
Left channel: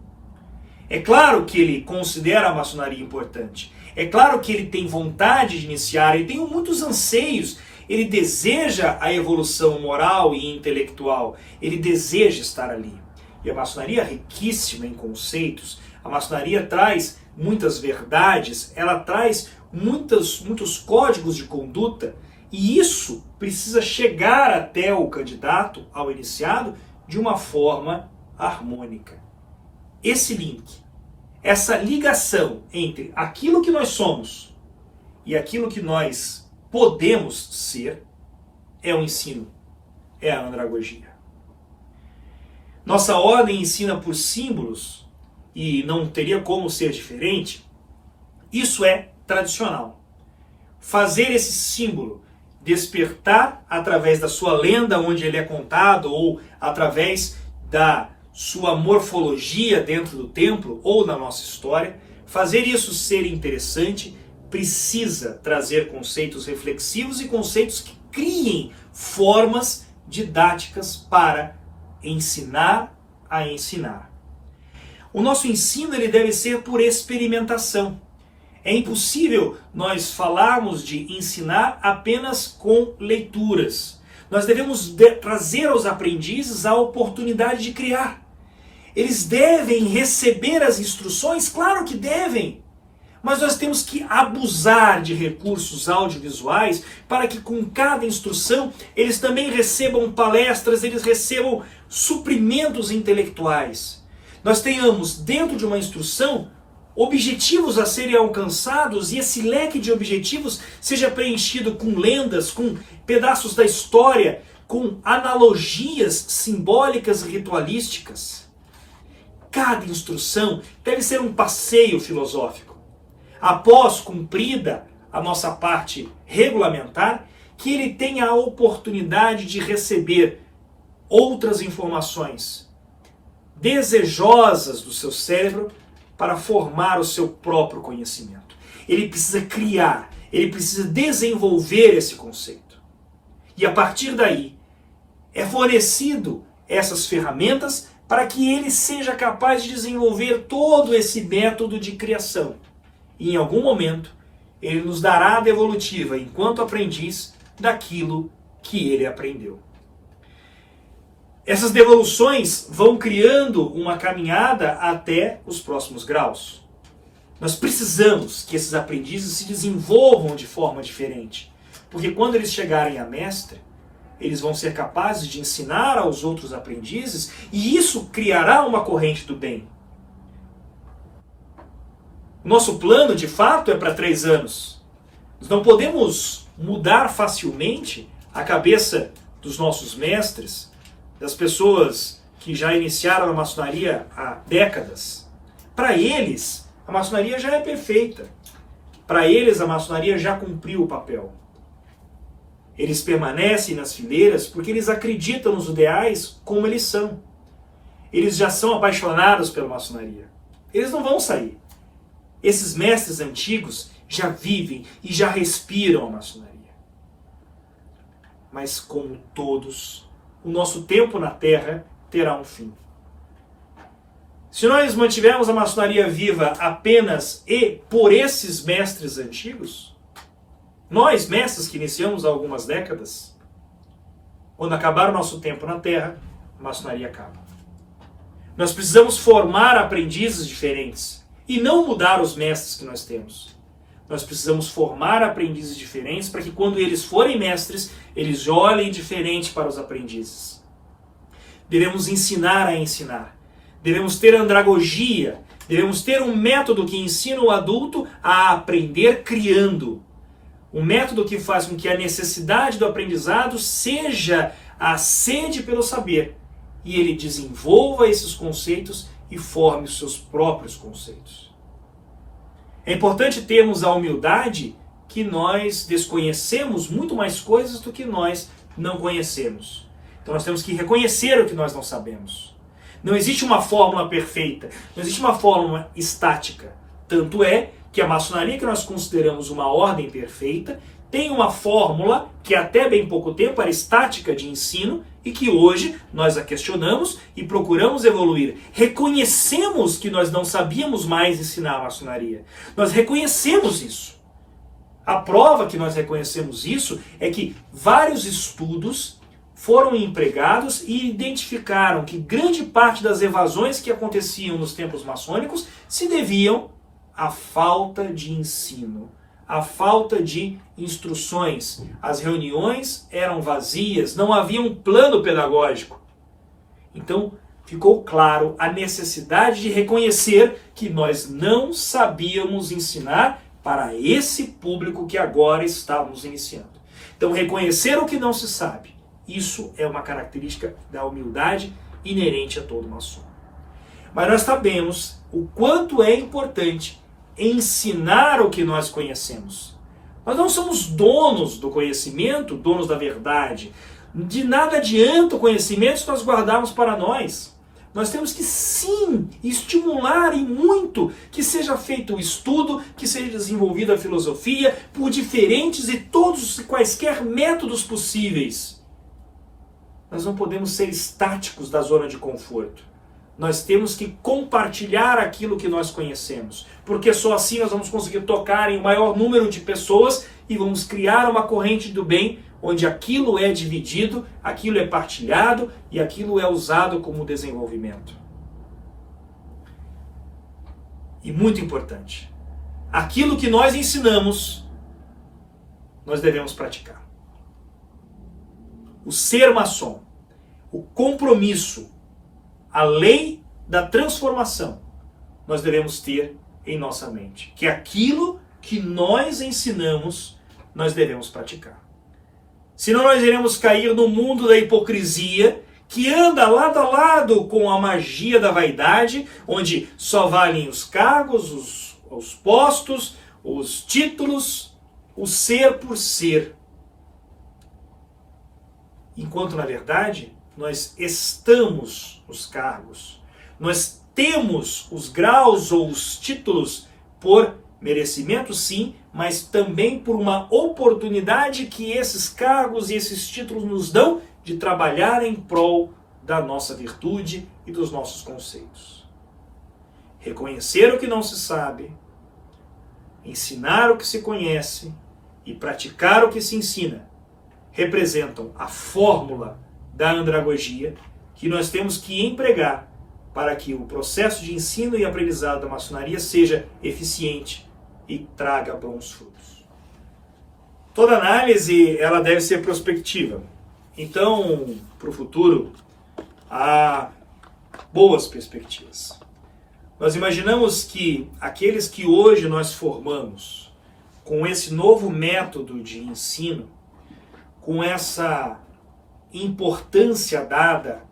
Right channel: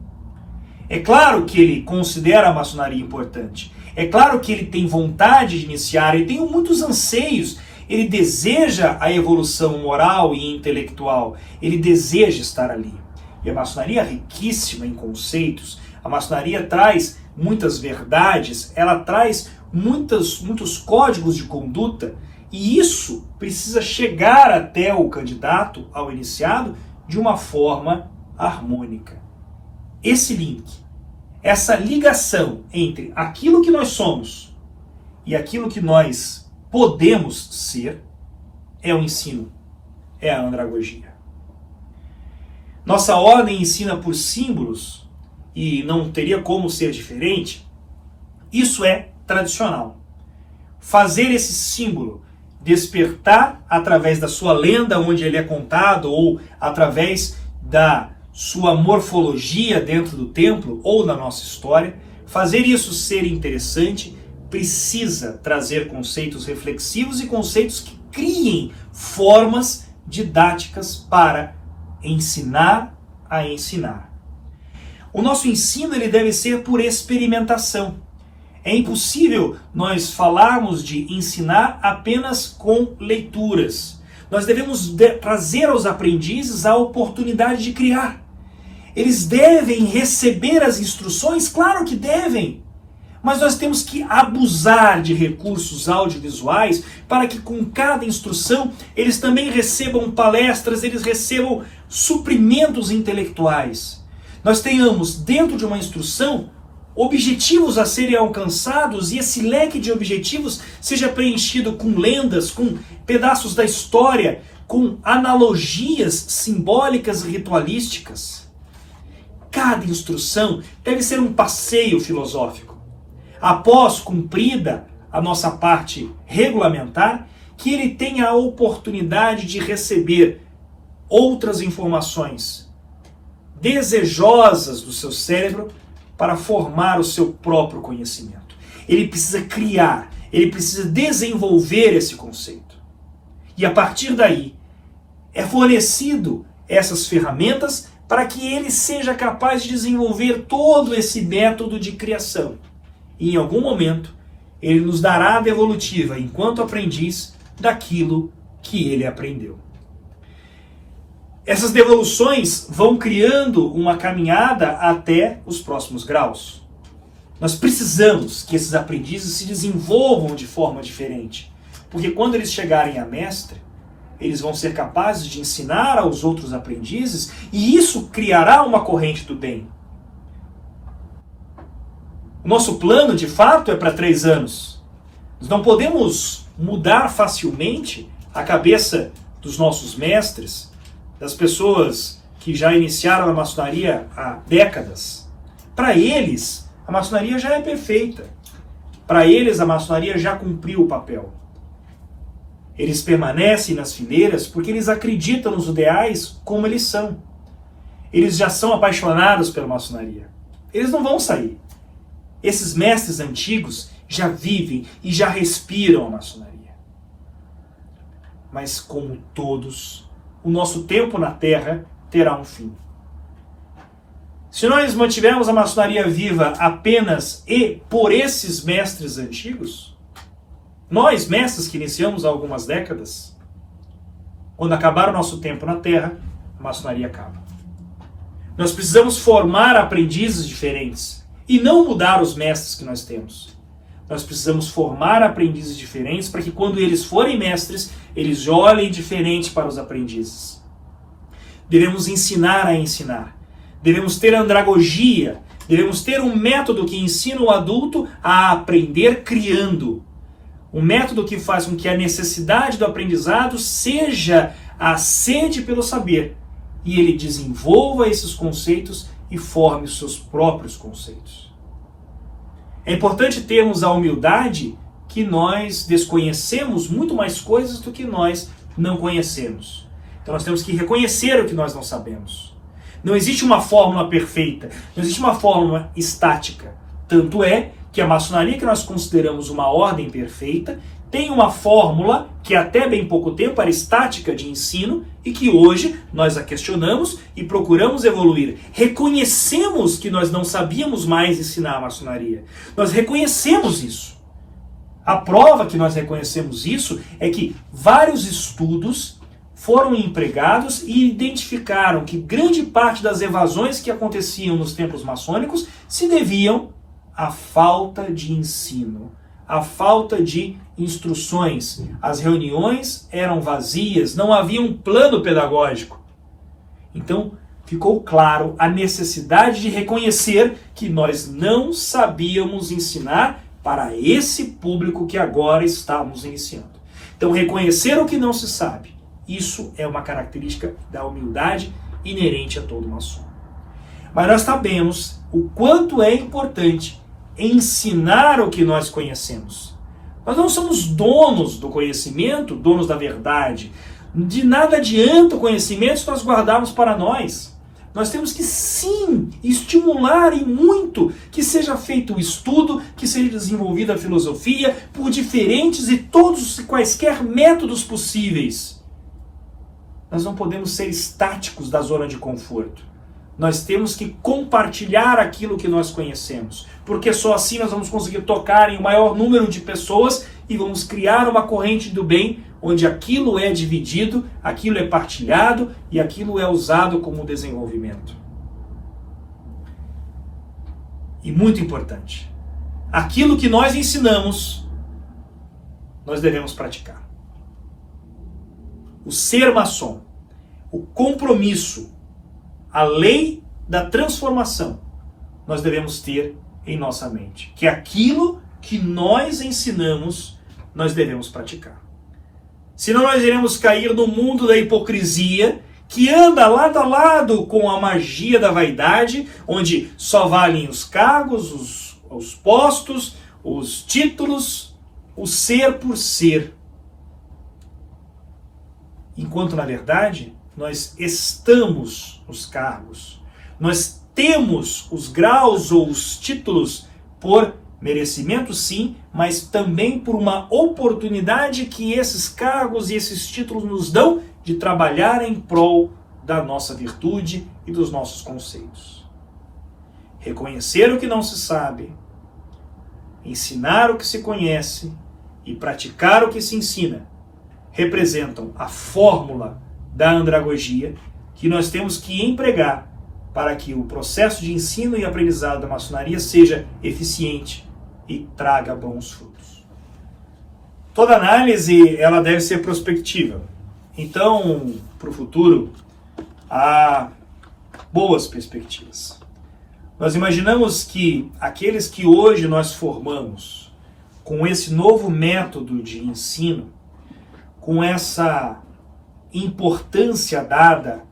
É claro que ele considera a maçonaria importante. É claro que ele tem vontade de iniciar, ele tem muitos anseios, ele deseja a evolução moral e intelectual, ele deseja estar ali. E a maçonaria é riquíssima em conceitos, a maçonaria traz muitas verdades, ela traz muitos códigos de conduta, e isso precisa chegar até o candidato, ao iniciado, de uma forma harmônica. Esse link, essa ligação entre aquilo que nós somos e aquilo que nós podemos ser, é o ensino, é a andragogia. Nossa ordem ensina por símbolos, e não teria como ser diferente. Isso é tradicional. Fazer esse símbolo despertar através da sua lenda, onde ele é contado, ou através da sua morfologia dentro do templo, ou na nossa história, fazer isso ser interessante, precisa trazer conceitos reflexivos e conceitos que criem formas didáticas para ensinar a ensinar. O nosso ensino ele deve ser por experimentação. É impossível nós falarmos de ensinar apenas com leituras. Nós devemos trazer aos aprendizes a oportunidade de criar. Eles devem receber as instruções? Claro que devem. Mas nós temos que abusar de recursos audiovisuais para que com cada instrução eles também recebam palestras, eles recebam suprimentos intelectuais. Nós tenhamos dentro de uma instrução objetivos a serem alcançados e esse leque de objetivos seja preenchido com lendas, com pedaços da história, com analogias simbólicas e ritualísticas. Cada instrução deve ser um passeio filosófico. Após cumprida a nossa parte regulamentar, que ele tenha a oportunidade de receber outras informações desejosas do seu cérebro para formar o seu próprio conhecimento. Ele precisa criar, ele precisa desenvolver esse conceito. E a partir daí, é fornecido essas ferramentas para que ele seja capaz de desenvolver todo esse método de criação. E em algum momento, ele nos dará a devolutiva, enquanto aprendiz, daquilo que ele aprendeu. Essas devoluções vão criando uma caminhada até os próximos graus. Nós precisamos que esses aprendizes se desenvolvam de forma diferente, porque quando eles chegarem a mestre, eles vão ser capazes de ensinar aos outros aprendizes e isso criará uma corrente do bem. O nosso plano, de fato, é para 3 anos. Nós não podemos mudar facilmente a cabeça dos nossos mestres, das pessoas que já iniciaram a maçonaria há décadas. Para eles, a maçonaria já é perfeita. Para eles, a maçonaria já cumpriu o papel. Eles permanecem nas fileiras porque eles acreditam nos ideais como eles são. Eles já são apaixonados pela maçonaria. Eles não vão sair. Esses mestres antigos já vivem e já respiram a maçonaria. Mas como todos, o nosso tempo na Terra terá um fim. Se nós mantivermos a maçonaria viva apenas e por esses mestres antigos, nós, mestres que iniciamos há algumas décadas, quando acabar o nosso tempo na Terra, a maçonaria acaba. Nós precisamos formar aprendizes diferentes e não mudar os mestres que nós temos. Nós precisamos formar aprendizes diferentes para que quando eles forem mestres, eles olhem diferente para os aprendizes. Devemos ensinar a ensinar. Devemos ter andragogia. Devemos ter um método que ensina o adulto a aprender criando. Um método que faz com que a necessidade do aprendizado seja a sede pelo saber. E ele desenvolva esses conceitos e forme os seus próprios conceitos. É importante termos a humildade que nós desconhecemos muito mais coisas do que nós não conhecemos. Então nós temos que reconhecer o que nós não sabemos. Não existe uma fórmula perfeita, não existe uma fórmula estática. Tanto é que a maçonaria, que nós consideramos uma ordem perfeita, tem uma fórmula que até bem pouco tempo era estática de ensino e que hoje nós a questionamos e procuramos evoluir. Reconhecemos que nós não sabíamos mais ensinar a maçonaria. Nós reconhecemos isso. A prova que nós reconhecemos isso é que vários estudos foram empregados e identificaram que grande parte das evasões que aconteciam nos templos maçônicos se deviam à falta de ensino, à falta de instruções. As reuniões eram vazias, não havia um plano pedagógico. Então, ficou claro a necessidade de reconhecer que nós não sabíamos ensinar para esse público que agora estamos iniciando. Então, reconhecer o que não se sabe, isso é uma característica da humildade inerente a todo maçom. Mas nós sabemos o quanto é importante ensinar o que nós conhecemos. Nós não somos donos do conhecimento, donos da verdade. De nada adianta o conhecimento se nós guardarmos para nós. Nós temos que sim estimular e muito que seja feito o estudo, que seja desenvolvida a filosofia por diferentes e todos e quaisquer métodos possíveis. Nós não podemos ser estáticos da zona de conforto. Nós temos que compartilhar aquilo que nós conhecemos, porque só assim nós vamos conseguir tocar em um maior número de pessoas e vamos criar uma corrente do bem, onde aquilo é dividido, aquilo é partilhado e aquilo é usado como desenvolvimento. E muito importante, aquilo que nós ensinamos, nós devemos praticar. O ser maçom, o compromisso, a lei da transformação, nós devemos ter em nossa mente. Que aquilo que nós ensinamos, nós devemos praticar. Senão nós iremos cair no mundo da hipocrisia, que anda lado a lado com a magia da vaidade, onde só valem os cargos, os postos, os títulos, o ser por ser. Enquanto, na verdade, nós estamos nos cargos, Nós temos os graus ou os títulos por merecimento, sim, mas também por uma oportunidade que esses cargos e esses títulos nos dão de trabalhar em prol da nossa virtude e dos nossos conceitos. Reconhecer o que não se sabe, ensinar o que se conhece e praticar o que se ensina representam a fórmula da andragogia que nós temos que empregar para que o processo de ensino e aprendizado da maçonaria seja eficiente e traga bons frutos. Toda análise ela deve ser prospectiva. Então, para o futuro, há boas perspectivas. Nós imaginamos que aqueles que hoje nós formamos com esse novo método de ensino, com essa importância dada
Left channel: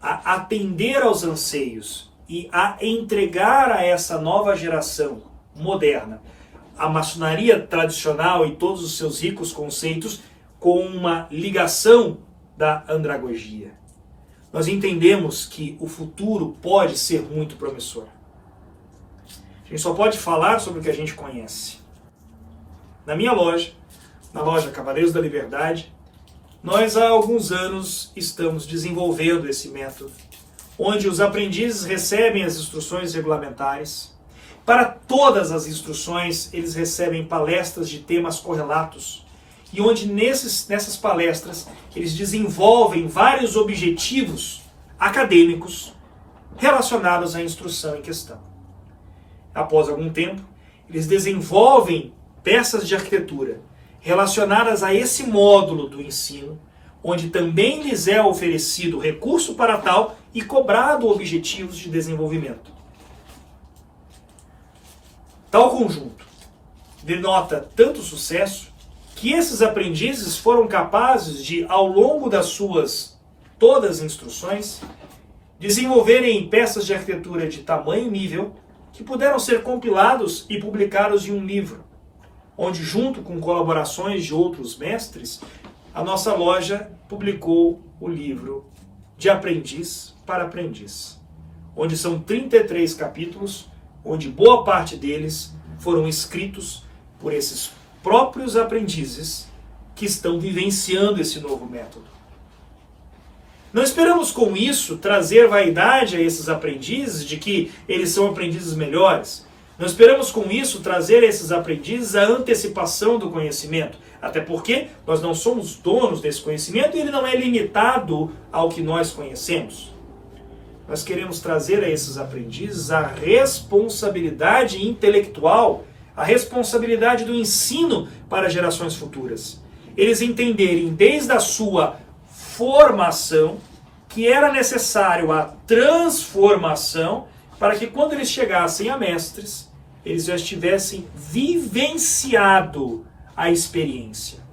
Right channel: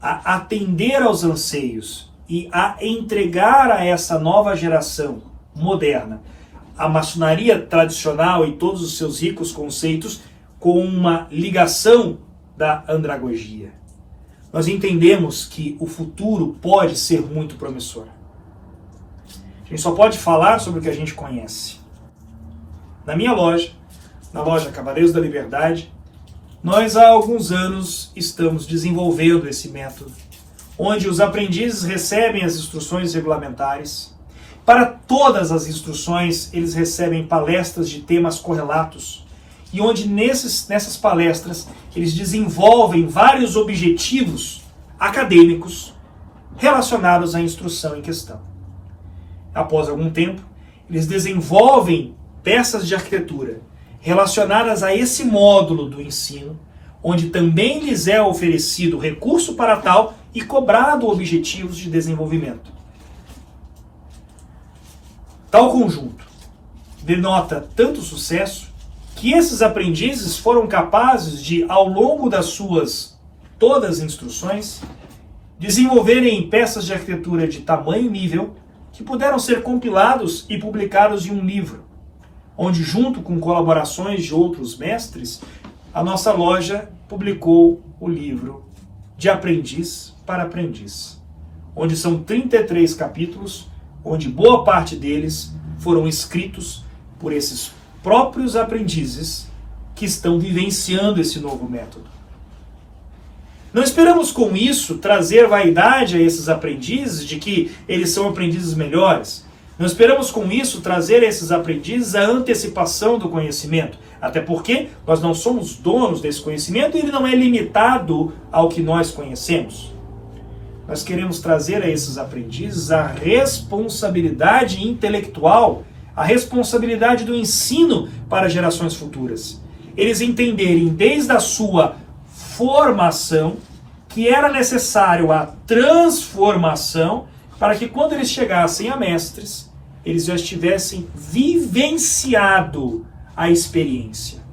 a atender aos anseios e a entregar a essa nova geração moderna a maçonaria tradicional e todos os seus ricos conceitos com uma ligação da andragogia. Nós entendemos que o futuro pode ser muito promissor. A gente só pode falar sobre o que a gente conhece. Na minha loja, na loja Cavaleiros da Liberdade, nós há alguns anos estamos desenvolvendo esse método, onde os aprendizes recebem as instruções regulamentares. Para todas as instruções, eles recebem palestras de temas correlatos, e onde nessas palestras eles desenvolvem vários objetivos acadêmicos relacionados à instrução em questão. Após algum tempo, eles desenvolvem peças de arquitetura relacionadas a esse módulo do ensino, onde também lhes é oferecido recurso para tal e cobrado objetivos de desenvolvimento. Tal conjunto denota tanto sucesso que esses aprendizes foram capazes de, ao longo das suas todas as instruções, desenvolverem peças de arquitetura de tamanho e nível que puderam ser compilados e publicados em um livro, onde, junto com colaborações de outros mestres, a nossa loja publicou o livro De Aprendiz para Aprendiz, onde são 33 capítulos, onde boa parte deles foram escritos por esses próprios aprendizes que estão vivenciando esse novo método. Não esperamos com isso trazer vaidade a esses aprendizes de que eles são aprendizes melhores. Não esperamos com isso trazer a esses aprendizes a antecipação do conhecimento, até porque nós não somos donos desse conhecimento e ele não é limitado ao que nós conhecemos. Nós queremos trazer a esses aprendizes a responsabilidade intelectual, a responsabilidade do ensino para gerações futuras. Eles entenderem desde a sua formação que era necessário a transformação para que quando eles chegassem a mestres, eles já tivessem vivenciado a experiência.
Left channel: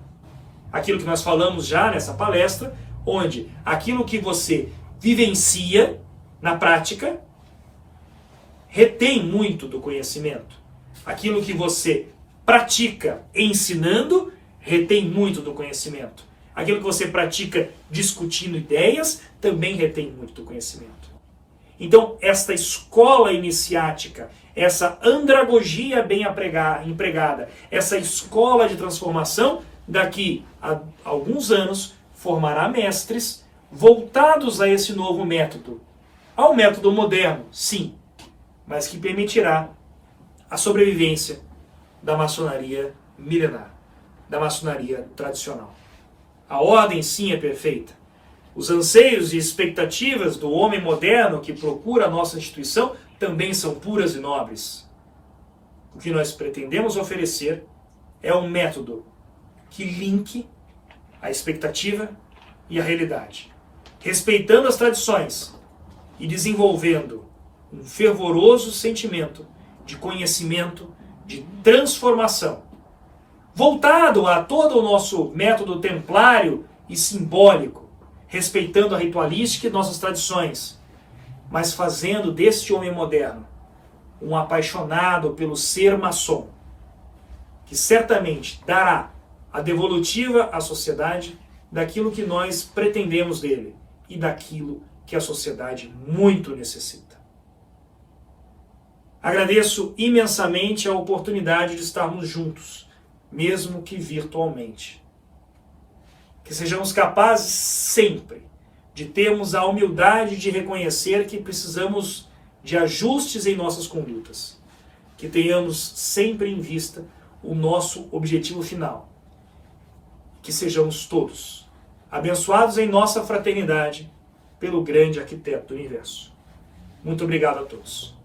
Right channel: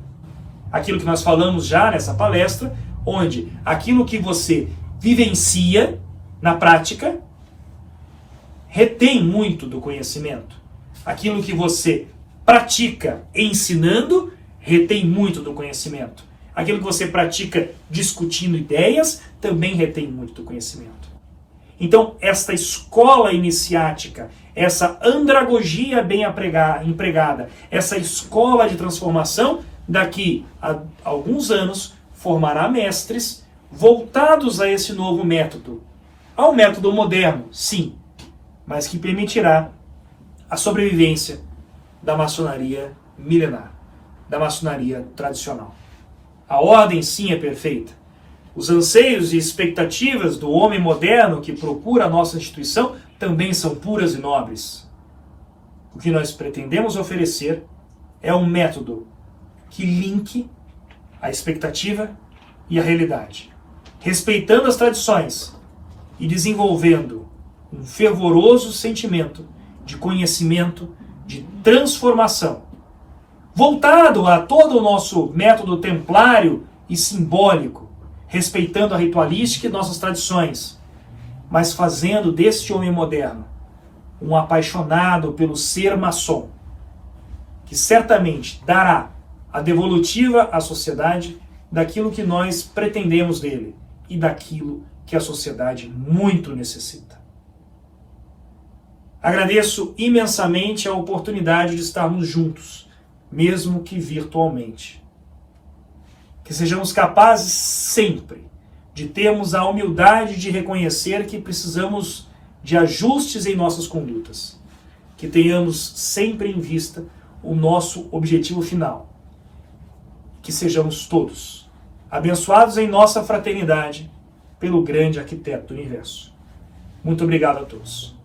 Aquilo que nós falamos já nessa palestra, onde aquilo que você vivencia na prática retém muito do conhecimento. Aquilo que você pratica ensinando retém muito do conhecimento. Aquilo que você pratica discutindo ideias também retém muito do conhecimento. Então, esta escola iniciática, essa andragogia bem empregada, essa escola de transformação, daqui a alguns anos, formará mestres voltados a esse novo método. Ao método moderno, sim, mas que permitirá a sobrevivência da maçonaria milenar, da maçonaria tradicional. A ordem, sim, é perfeita. Os anseios e expectativas do homem moderno que procura a nossa instituição também são puras e nobres. O que nós pretendemos oferecer é um método que linke a expectativa e a realidade, respeitando as tradições e desenvolvendo um fervoroso sentimento de conhecimento, de transformação, voltado a todo o nosso método templário e simbólico, respeitando a ritualística e nossas tradições, mas fazendo deste homem moderno um apaixonado pelo ser maçom, que certamente dará a devolutiva à sociedade daquilo que nós pretendemos dele e daquilo que a sociedade muito necessita. Agradeço imensamente a oportunidade de estarmos juntos, mesmo que virtualmente. Que sejamos capazes sempre de termos a humildade de reconhecer que precisamos de ajustes em nossas condutas. Que tenhamos sempre em vista o nosso objetivo final. Que sejamos todos abençoados em nossa fraternidade pelo grande arquiteto do universo. Muito obrigado a todos.